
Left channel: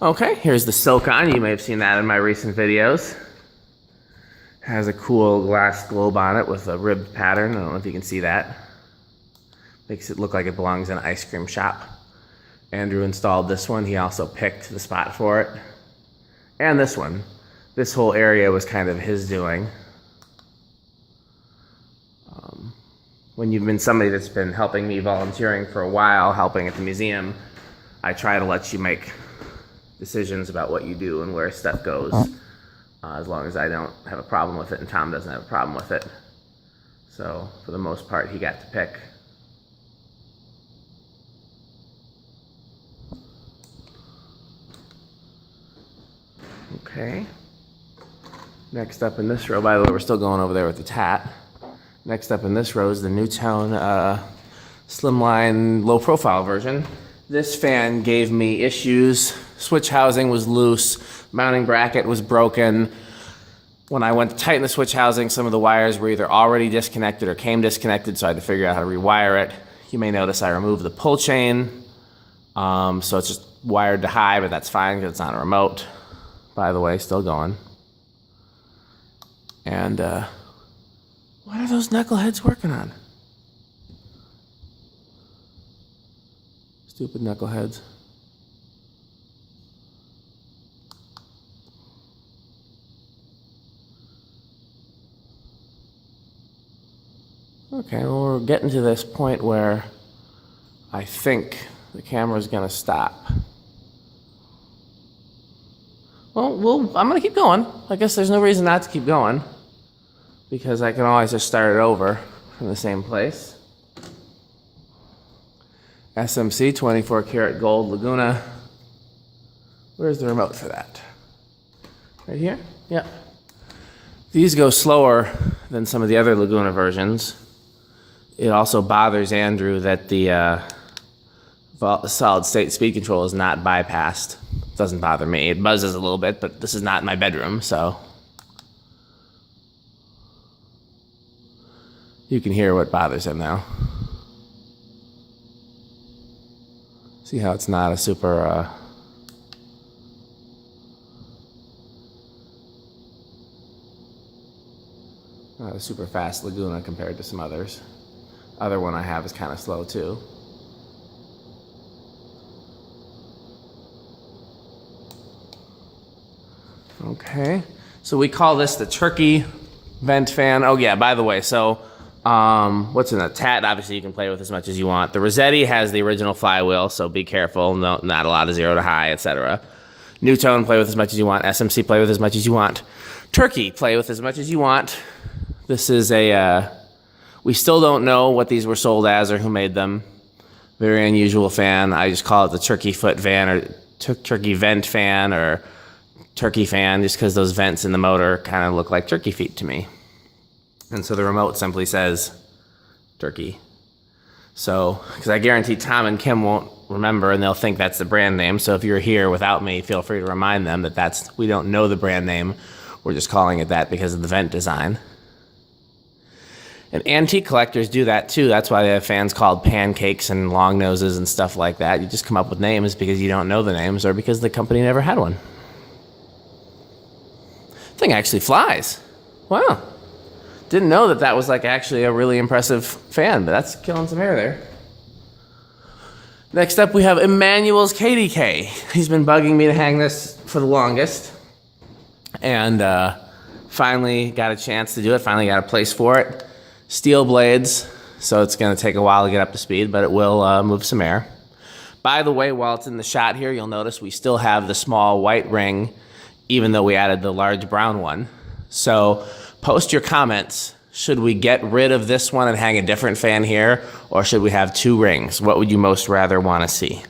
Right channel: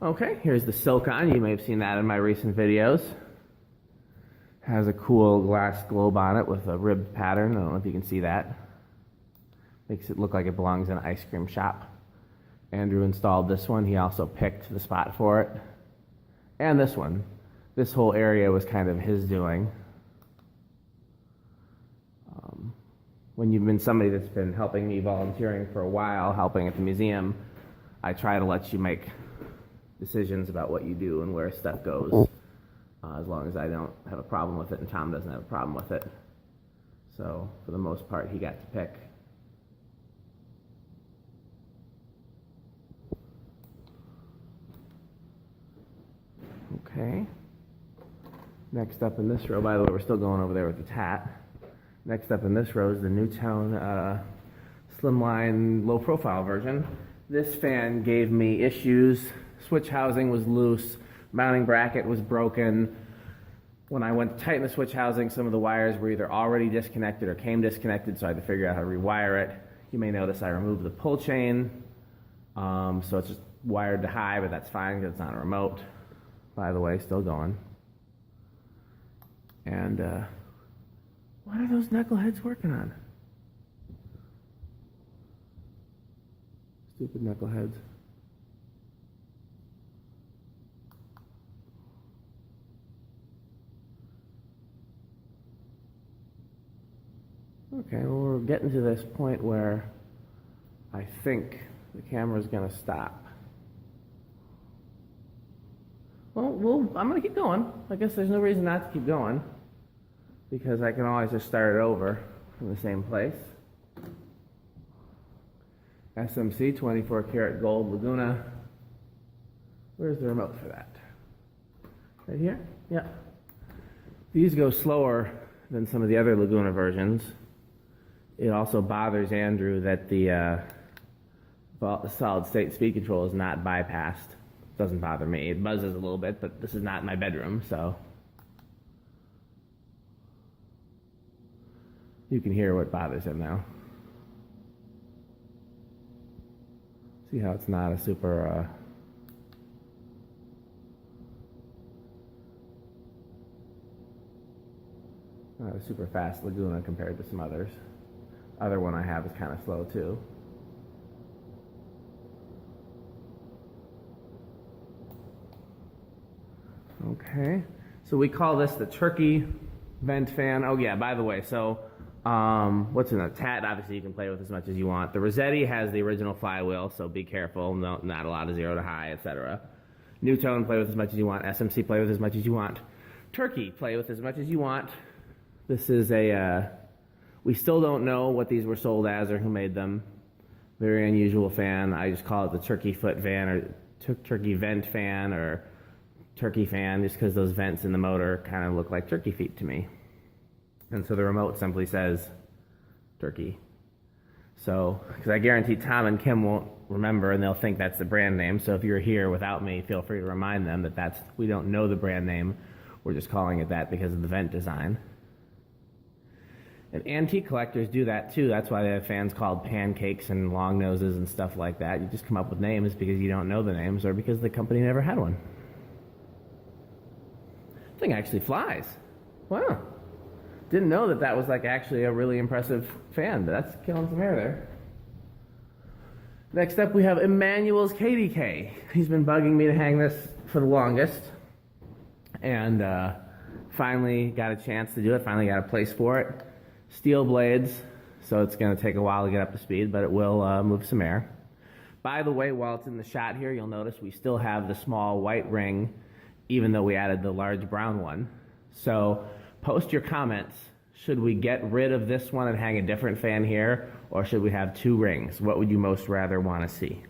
Okay, here's the Silicon. You may have seen that in my recent videos. Has a cool glass globe on it with a ribbed pattern. I don't know if you can see that. Makes it look like it belongs in an ice cream shop. Andrew installed this one. He also picked the spot for it. And this one. This whole area was kind of his doing. When you've been somebody that's been helping me volunteering for a while, helping at the museum, I try to let you make decisions about what you do and where stuff goes, as long as I don't have a problem with it and Tom doesn't have a problem with it. So for the most part, he got to pick. Okay. Next up in this row, by the way, we're still going over there with the tat. Next up in this row is the Newtone slimline low profile version. This fan gave me issues. Switch housing was loose, mounting bracket was broken. When I went to tighten the switch housing, some of the wires were either already disconnected or came disconnected, so I had to figure out how to rewire it. You may notice I removed the pull chain, so it's just wired to high, but that's fine because it's on a remote. By the way, still going. And what are those knuckleheads working on? Stupid knuckleheads. Okay, well, we're getting to this point where I think the camera's gonna stop. Well, I'm gonna keep going. I guess there's no reason not to keep going, because I can always just start it over from the same place. SMC 24 karat gold Laguna. Where's the remote for that? Right here? Yeah. These go slower than some of the other Laguna versions. It also bothers Andrew that the solid state speed control is not bypassed. Doesn't bother me. It buzzes a little bit, but this is not my bedroom, so you can hear what bothers him now. See how it's not a super not a super fast Laguna compared to some others. Other one I have is kind of slow too. Okay, so we call this the turkey vent fan. Oh yeah, by the way, so what's in the Tat? Obviously you can play with as much as you want. The Rossetti has the original flywheel, so be careful. No, not a lot of 0 to high, etc. Newtone, play with as much as you want. SMC, play with as much as you want. Turkey, play with as much as you want. This is a, we still don't know what these were sold as or who made them. Very unusual fan. I just call it the turkey foot fan or turkey vent fan or turkey fan, just because those vents in the motor kind of look like turkey feet to me. And so the remote simply says turkey. So, because I guarantee Tom and Kim won't remember and they'll think that's the brand name. So if you're here without me, feel free to remind them that we don't know the brand name. We're just calling it that because of the vent design. And antique collectors do that too. That's why they have fans called pancakes and long noses and stuff like that. You just come up with names because you don't know the names or because the company never had one. Thing actually flies. Wow. Didn't know that was like actually a really impressive fan, but that's killing some hair there. Next up we have Emmanuel's KDK. He's been bugging me to hang this for the longest. And finally got a chance to do it, finally got a place for it. Steel blades, so it's gonna take a while to get up to speed, but it will move some air. By the way, while it's in the shot here, you'll notice we still have the small white ring even though we added the large brown one. So post your comments. Should we get rid of this one and hang a different fan here, or should we have 2 rings? What would you most rather want to see?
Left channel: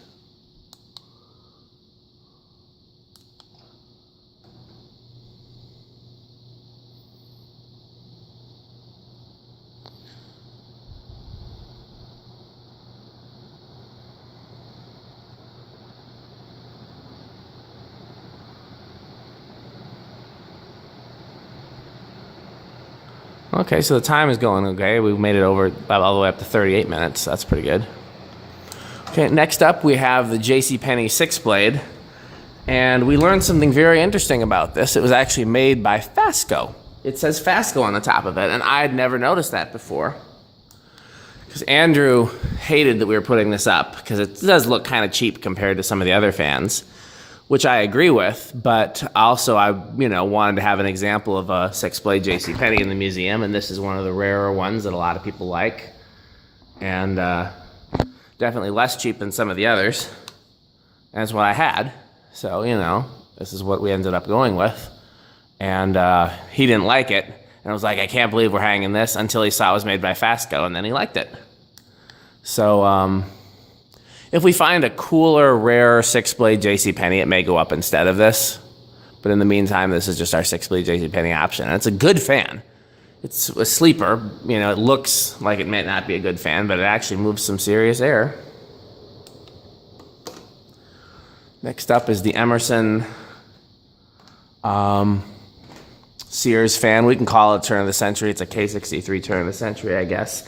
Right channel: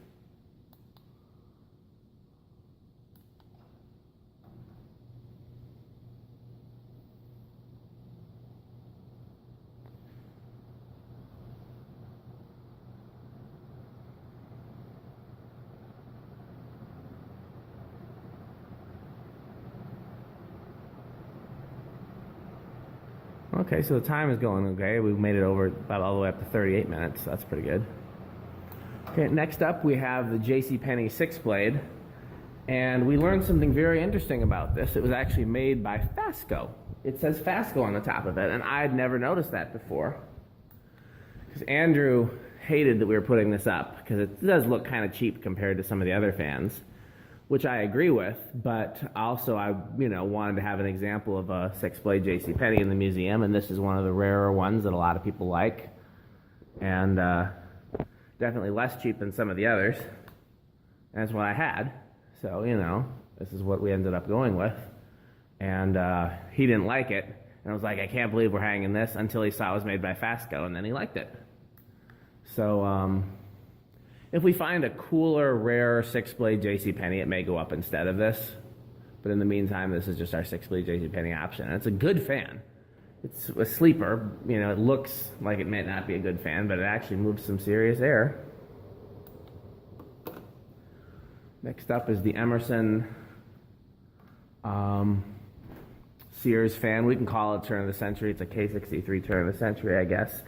Okay, so the time is going okay. We made it over all the way up to 38 minutes. That's pretty good. Okay, next up we have the JCPenney 6-blade. And we learned something very interesting about this. It was actually made by Fascicle. It says Fascicle on the top of it, and I had never noticed that before. Because Andrew hated that we were putting this up, because it does look kind of cheap compared to some of the other fans, which I agree with, but also I wanted to have an example of a 6-blade JCPenney in the museum, and this is one of the rarer ones that a lot of people like, and definitely less cheap than some of the others. And that's what I had, so this is what we ended up going with. And he didn't like it, and I was like, I can't believe we're hanging this, until he saw it was made by Fascicle, and then he liked it. So if we find a cooler, rarer 6-blade JCPenney, it may go up instead of this. But in the meantime, this is just our 6-blade JCPenney option. And it's a good fan. It's a sleeper. It looks like it might not be a good fan, but it actually moves some serious air. Next up is the Emerson Sears Fan. We can call it turn of the century. It's a K63 turn of the century, I guess.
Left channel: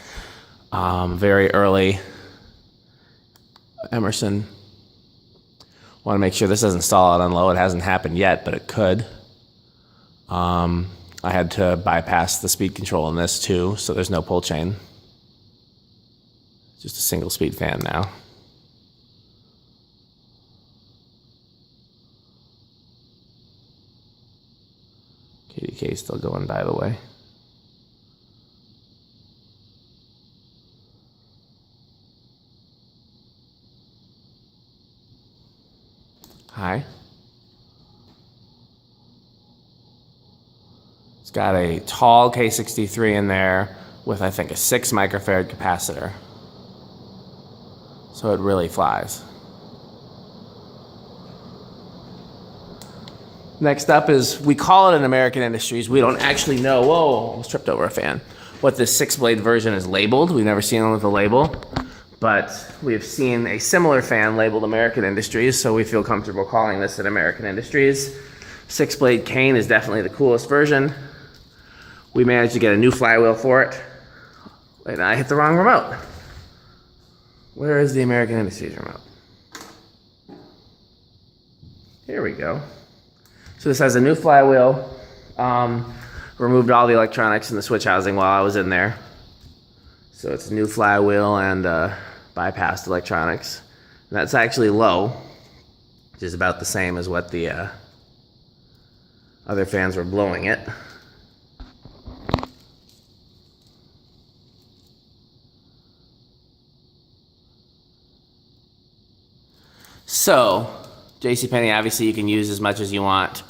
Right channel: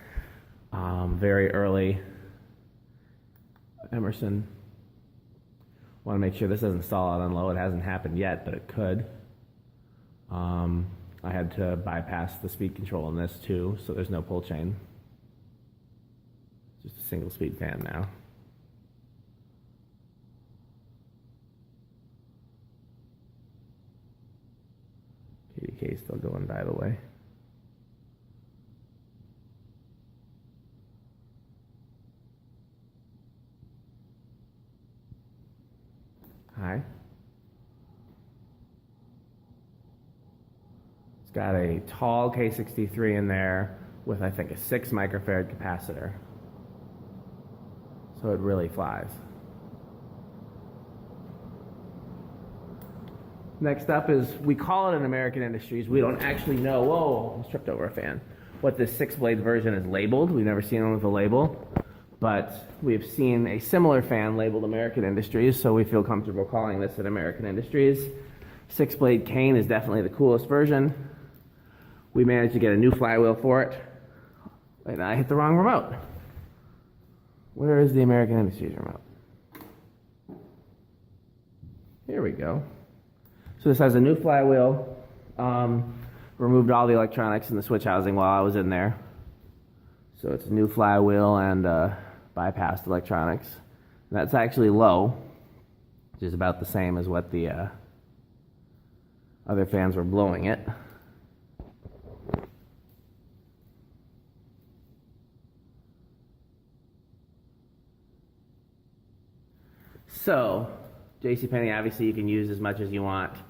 Very early Emerson. Want to make sure this doesn't stall out on low. It hasn't happened yet, but it could. I had to bypass the speed control in this too, so there's no pull chain. Just a single speed fan now. KDK still going, by the way. Hi. It's got a tall K63 in there with, I think, a 6 microfarad capacitor. So it really flies. Next up is, we call it an American Industries. We don't actually know, whoa, almost tripped over a fan, what this 6-blade version is labeled. We've never seen one with a label, but we've seen a similar fan labeled American Industries, so we feel comfortable calling this an American Industries. 6-blade cane is definitely the coolest version. We managed to get a new flywheel for it. Wait, I hit the wrong remote. Where is the American Industries remote? Here we go. So this has a new flywheel. Removed all the electronics in the switch housing while I was in there. So it's a new flywheel and bypassed electronics. And that's actually low, which is about the same as what the other fans were blowing it. So, JCPenney, obviously you can use as much as you want.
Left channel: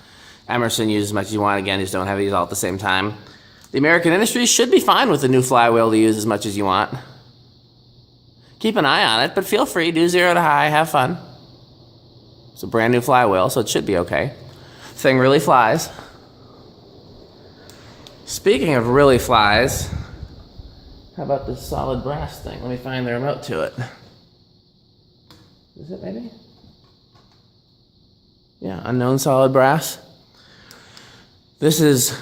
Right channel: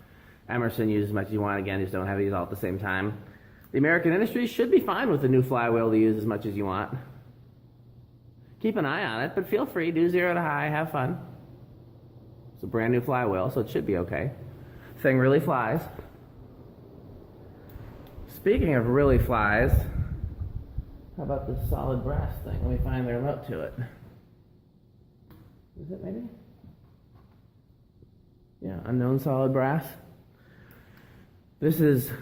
Emerson, use as much as you want. Again, just don't have these all at the same time. The American Industries should be fine with the new flywheel to use as much as you want. Keep an eye on it, but feel free, do 0 to high, have fun. It's a brand new flywheel, so it should be okay. Thing really flies. Speaking of really flies, how about this solid brass thing? Let me find the remote to it. Is it maybe? Yeah, unknown solid brass. This is,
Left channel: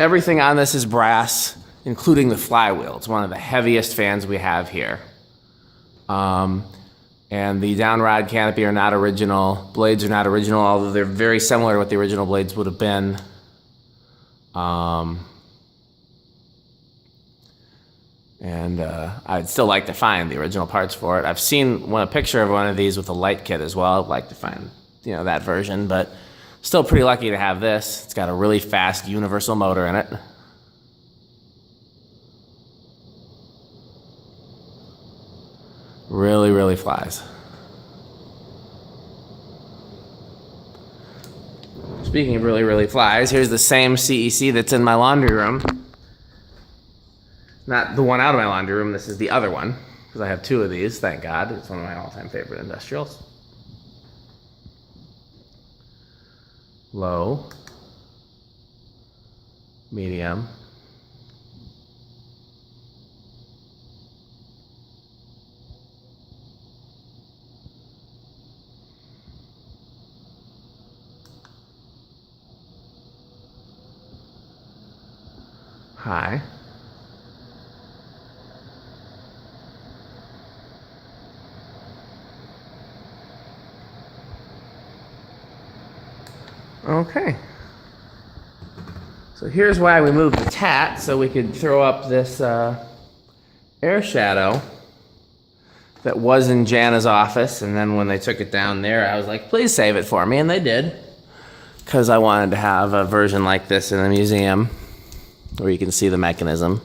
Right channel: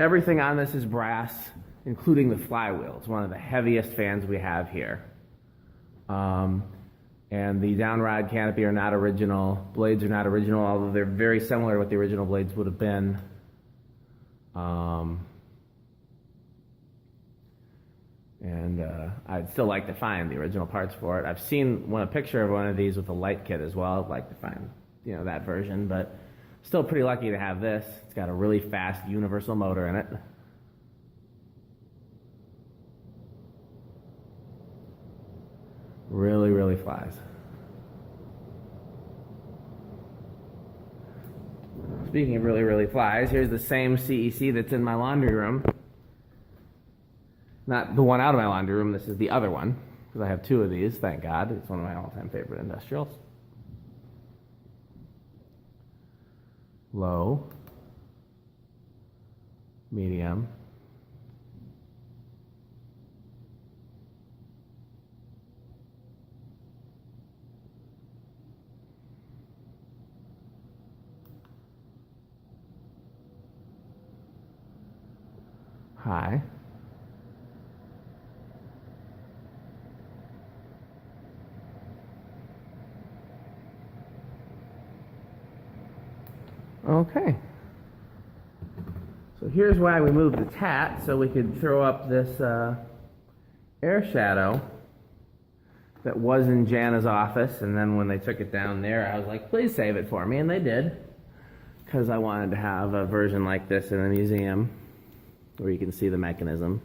everything on this is brass, including the flywheel. It's one of the heaviest fans we have here. And the downrod canopy are not original. Blades are not original, although they're very similar to what the original blades would have been. I'd still like to find the original parts for it. I've seen a picture of one of these with a light kit as well. I'd like to find, that version, but still pretty lucky to have this. It's got a really fast universal motor in it. Really, really flies. Speaking of really, really flies, here's the same CEC that's in my laundry room. Not the one out of my laundry room, this is the other one, because I have 2 of these, thank God. It's one of my all-time favorite industrials. Low, medium, high, okay. So here's why we moved the tat, so we could throw up this air shadow that was in Jana's office, and then when they took it down there, I was like, please save it for me, and they did, because I wanted to have a version like this in a museum where you can see the mechanism.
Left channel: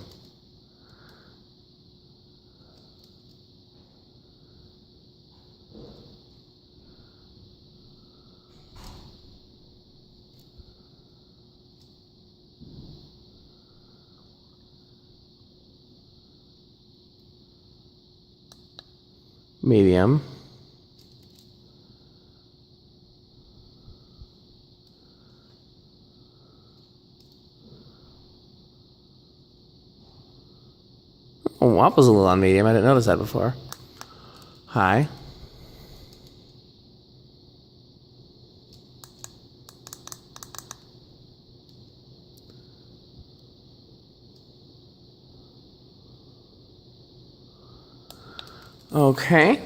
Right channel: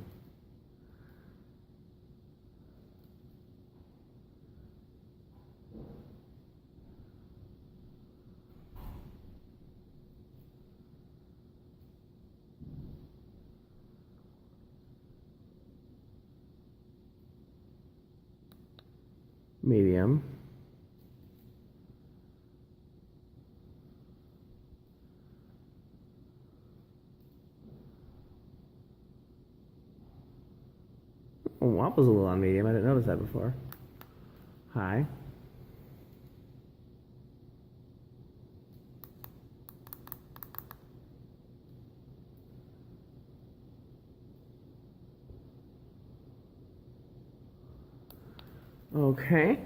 Medium. Oh, wobble's a little on medium. I didn't notice that before. High. Okay.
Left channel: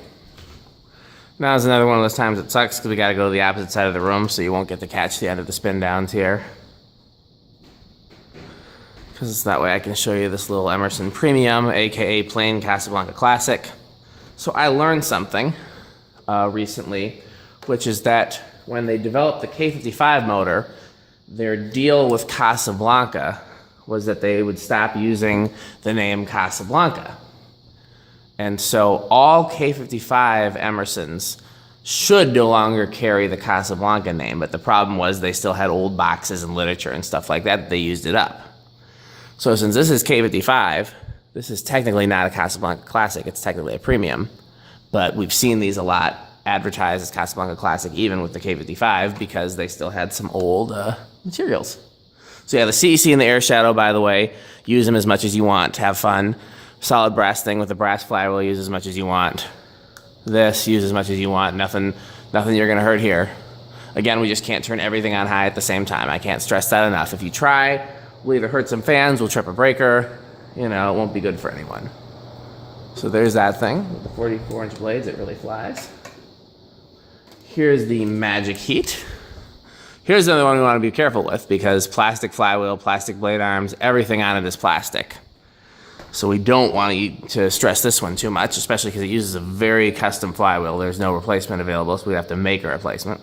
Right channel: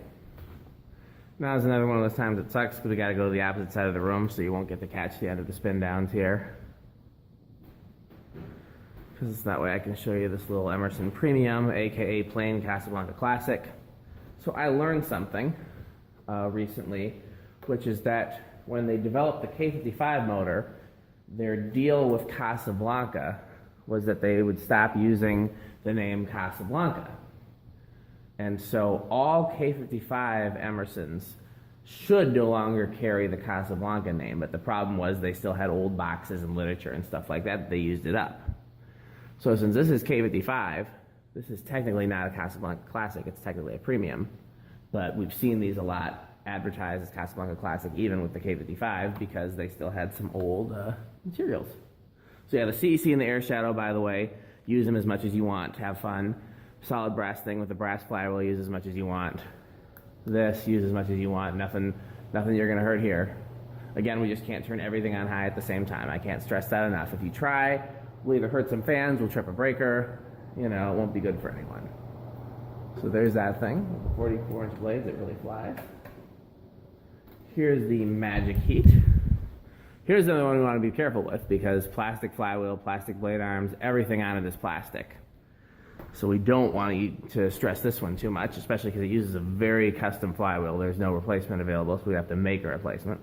Now is another one of those times it sucks because we got to go to the opposite side of the room, so you won't get to catch the end of the spin downs here. Because that way I can show you this little Emerson Premium, aka plain Casablanca Classic. So I learned something recently, which is that when they developed the K55 motor, their deal with Casablanca was that they would stop using the name Casablanca. And so all K55 Emersons should no longer carry the Casablanca name, but the problem was they still had old boxes and literature and stuff like that, they used it up. So since this is K55, this is technically not a Casablanca Classic, it's technically a Premium, but we've seen these a lot advertised as Casablanca Classic even with the K55 because they still had some old materials. So yeah, the CEC and the air shadow, by the way, use them as much as you want. Have fun. Solid brass thing with the brass flywheel, use as much as you want. This, use as much as you want. Nothing you're gonna hurt here. Again, we just can't turn everything on high at the same time. I can't stress that enough. If you try, we'll either hurt some fans, we'll trip a breaker, you know, it won't be good for anyone. So there's that thing. 44-inch blades, it really flies. Here's the Magic Heat. Here's another one we want to be careful with because plastic flywheel, plastic blade arms, everything on it is plastic. So we don't want to stress this one too much, especially because it uses a very custom flywheel. There's no replacement available, so we have to make a replacement.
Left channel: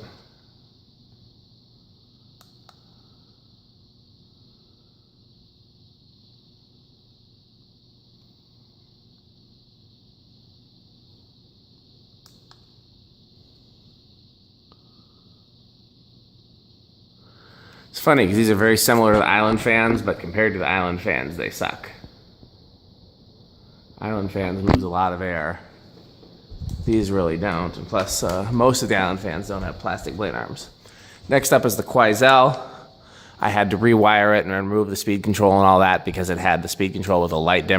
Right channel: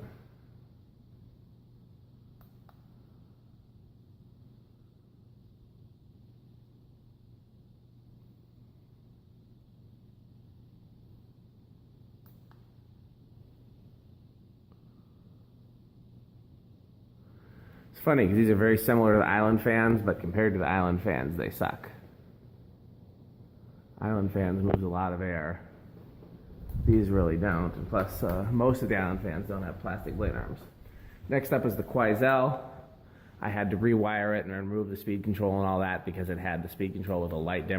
It's funny because these are very similar to the Island fans, but compared to the Island fans, they suck. Island fans moves a lot of air. These really don't, and plus most of the Island fans don't have plastic blade arms. Next up is the Quoizel. I had to rewire it and remove the speed control and all that because it had the speed control with a light dimmer.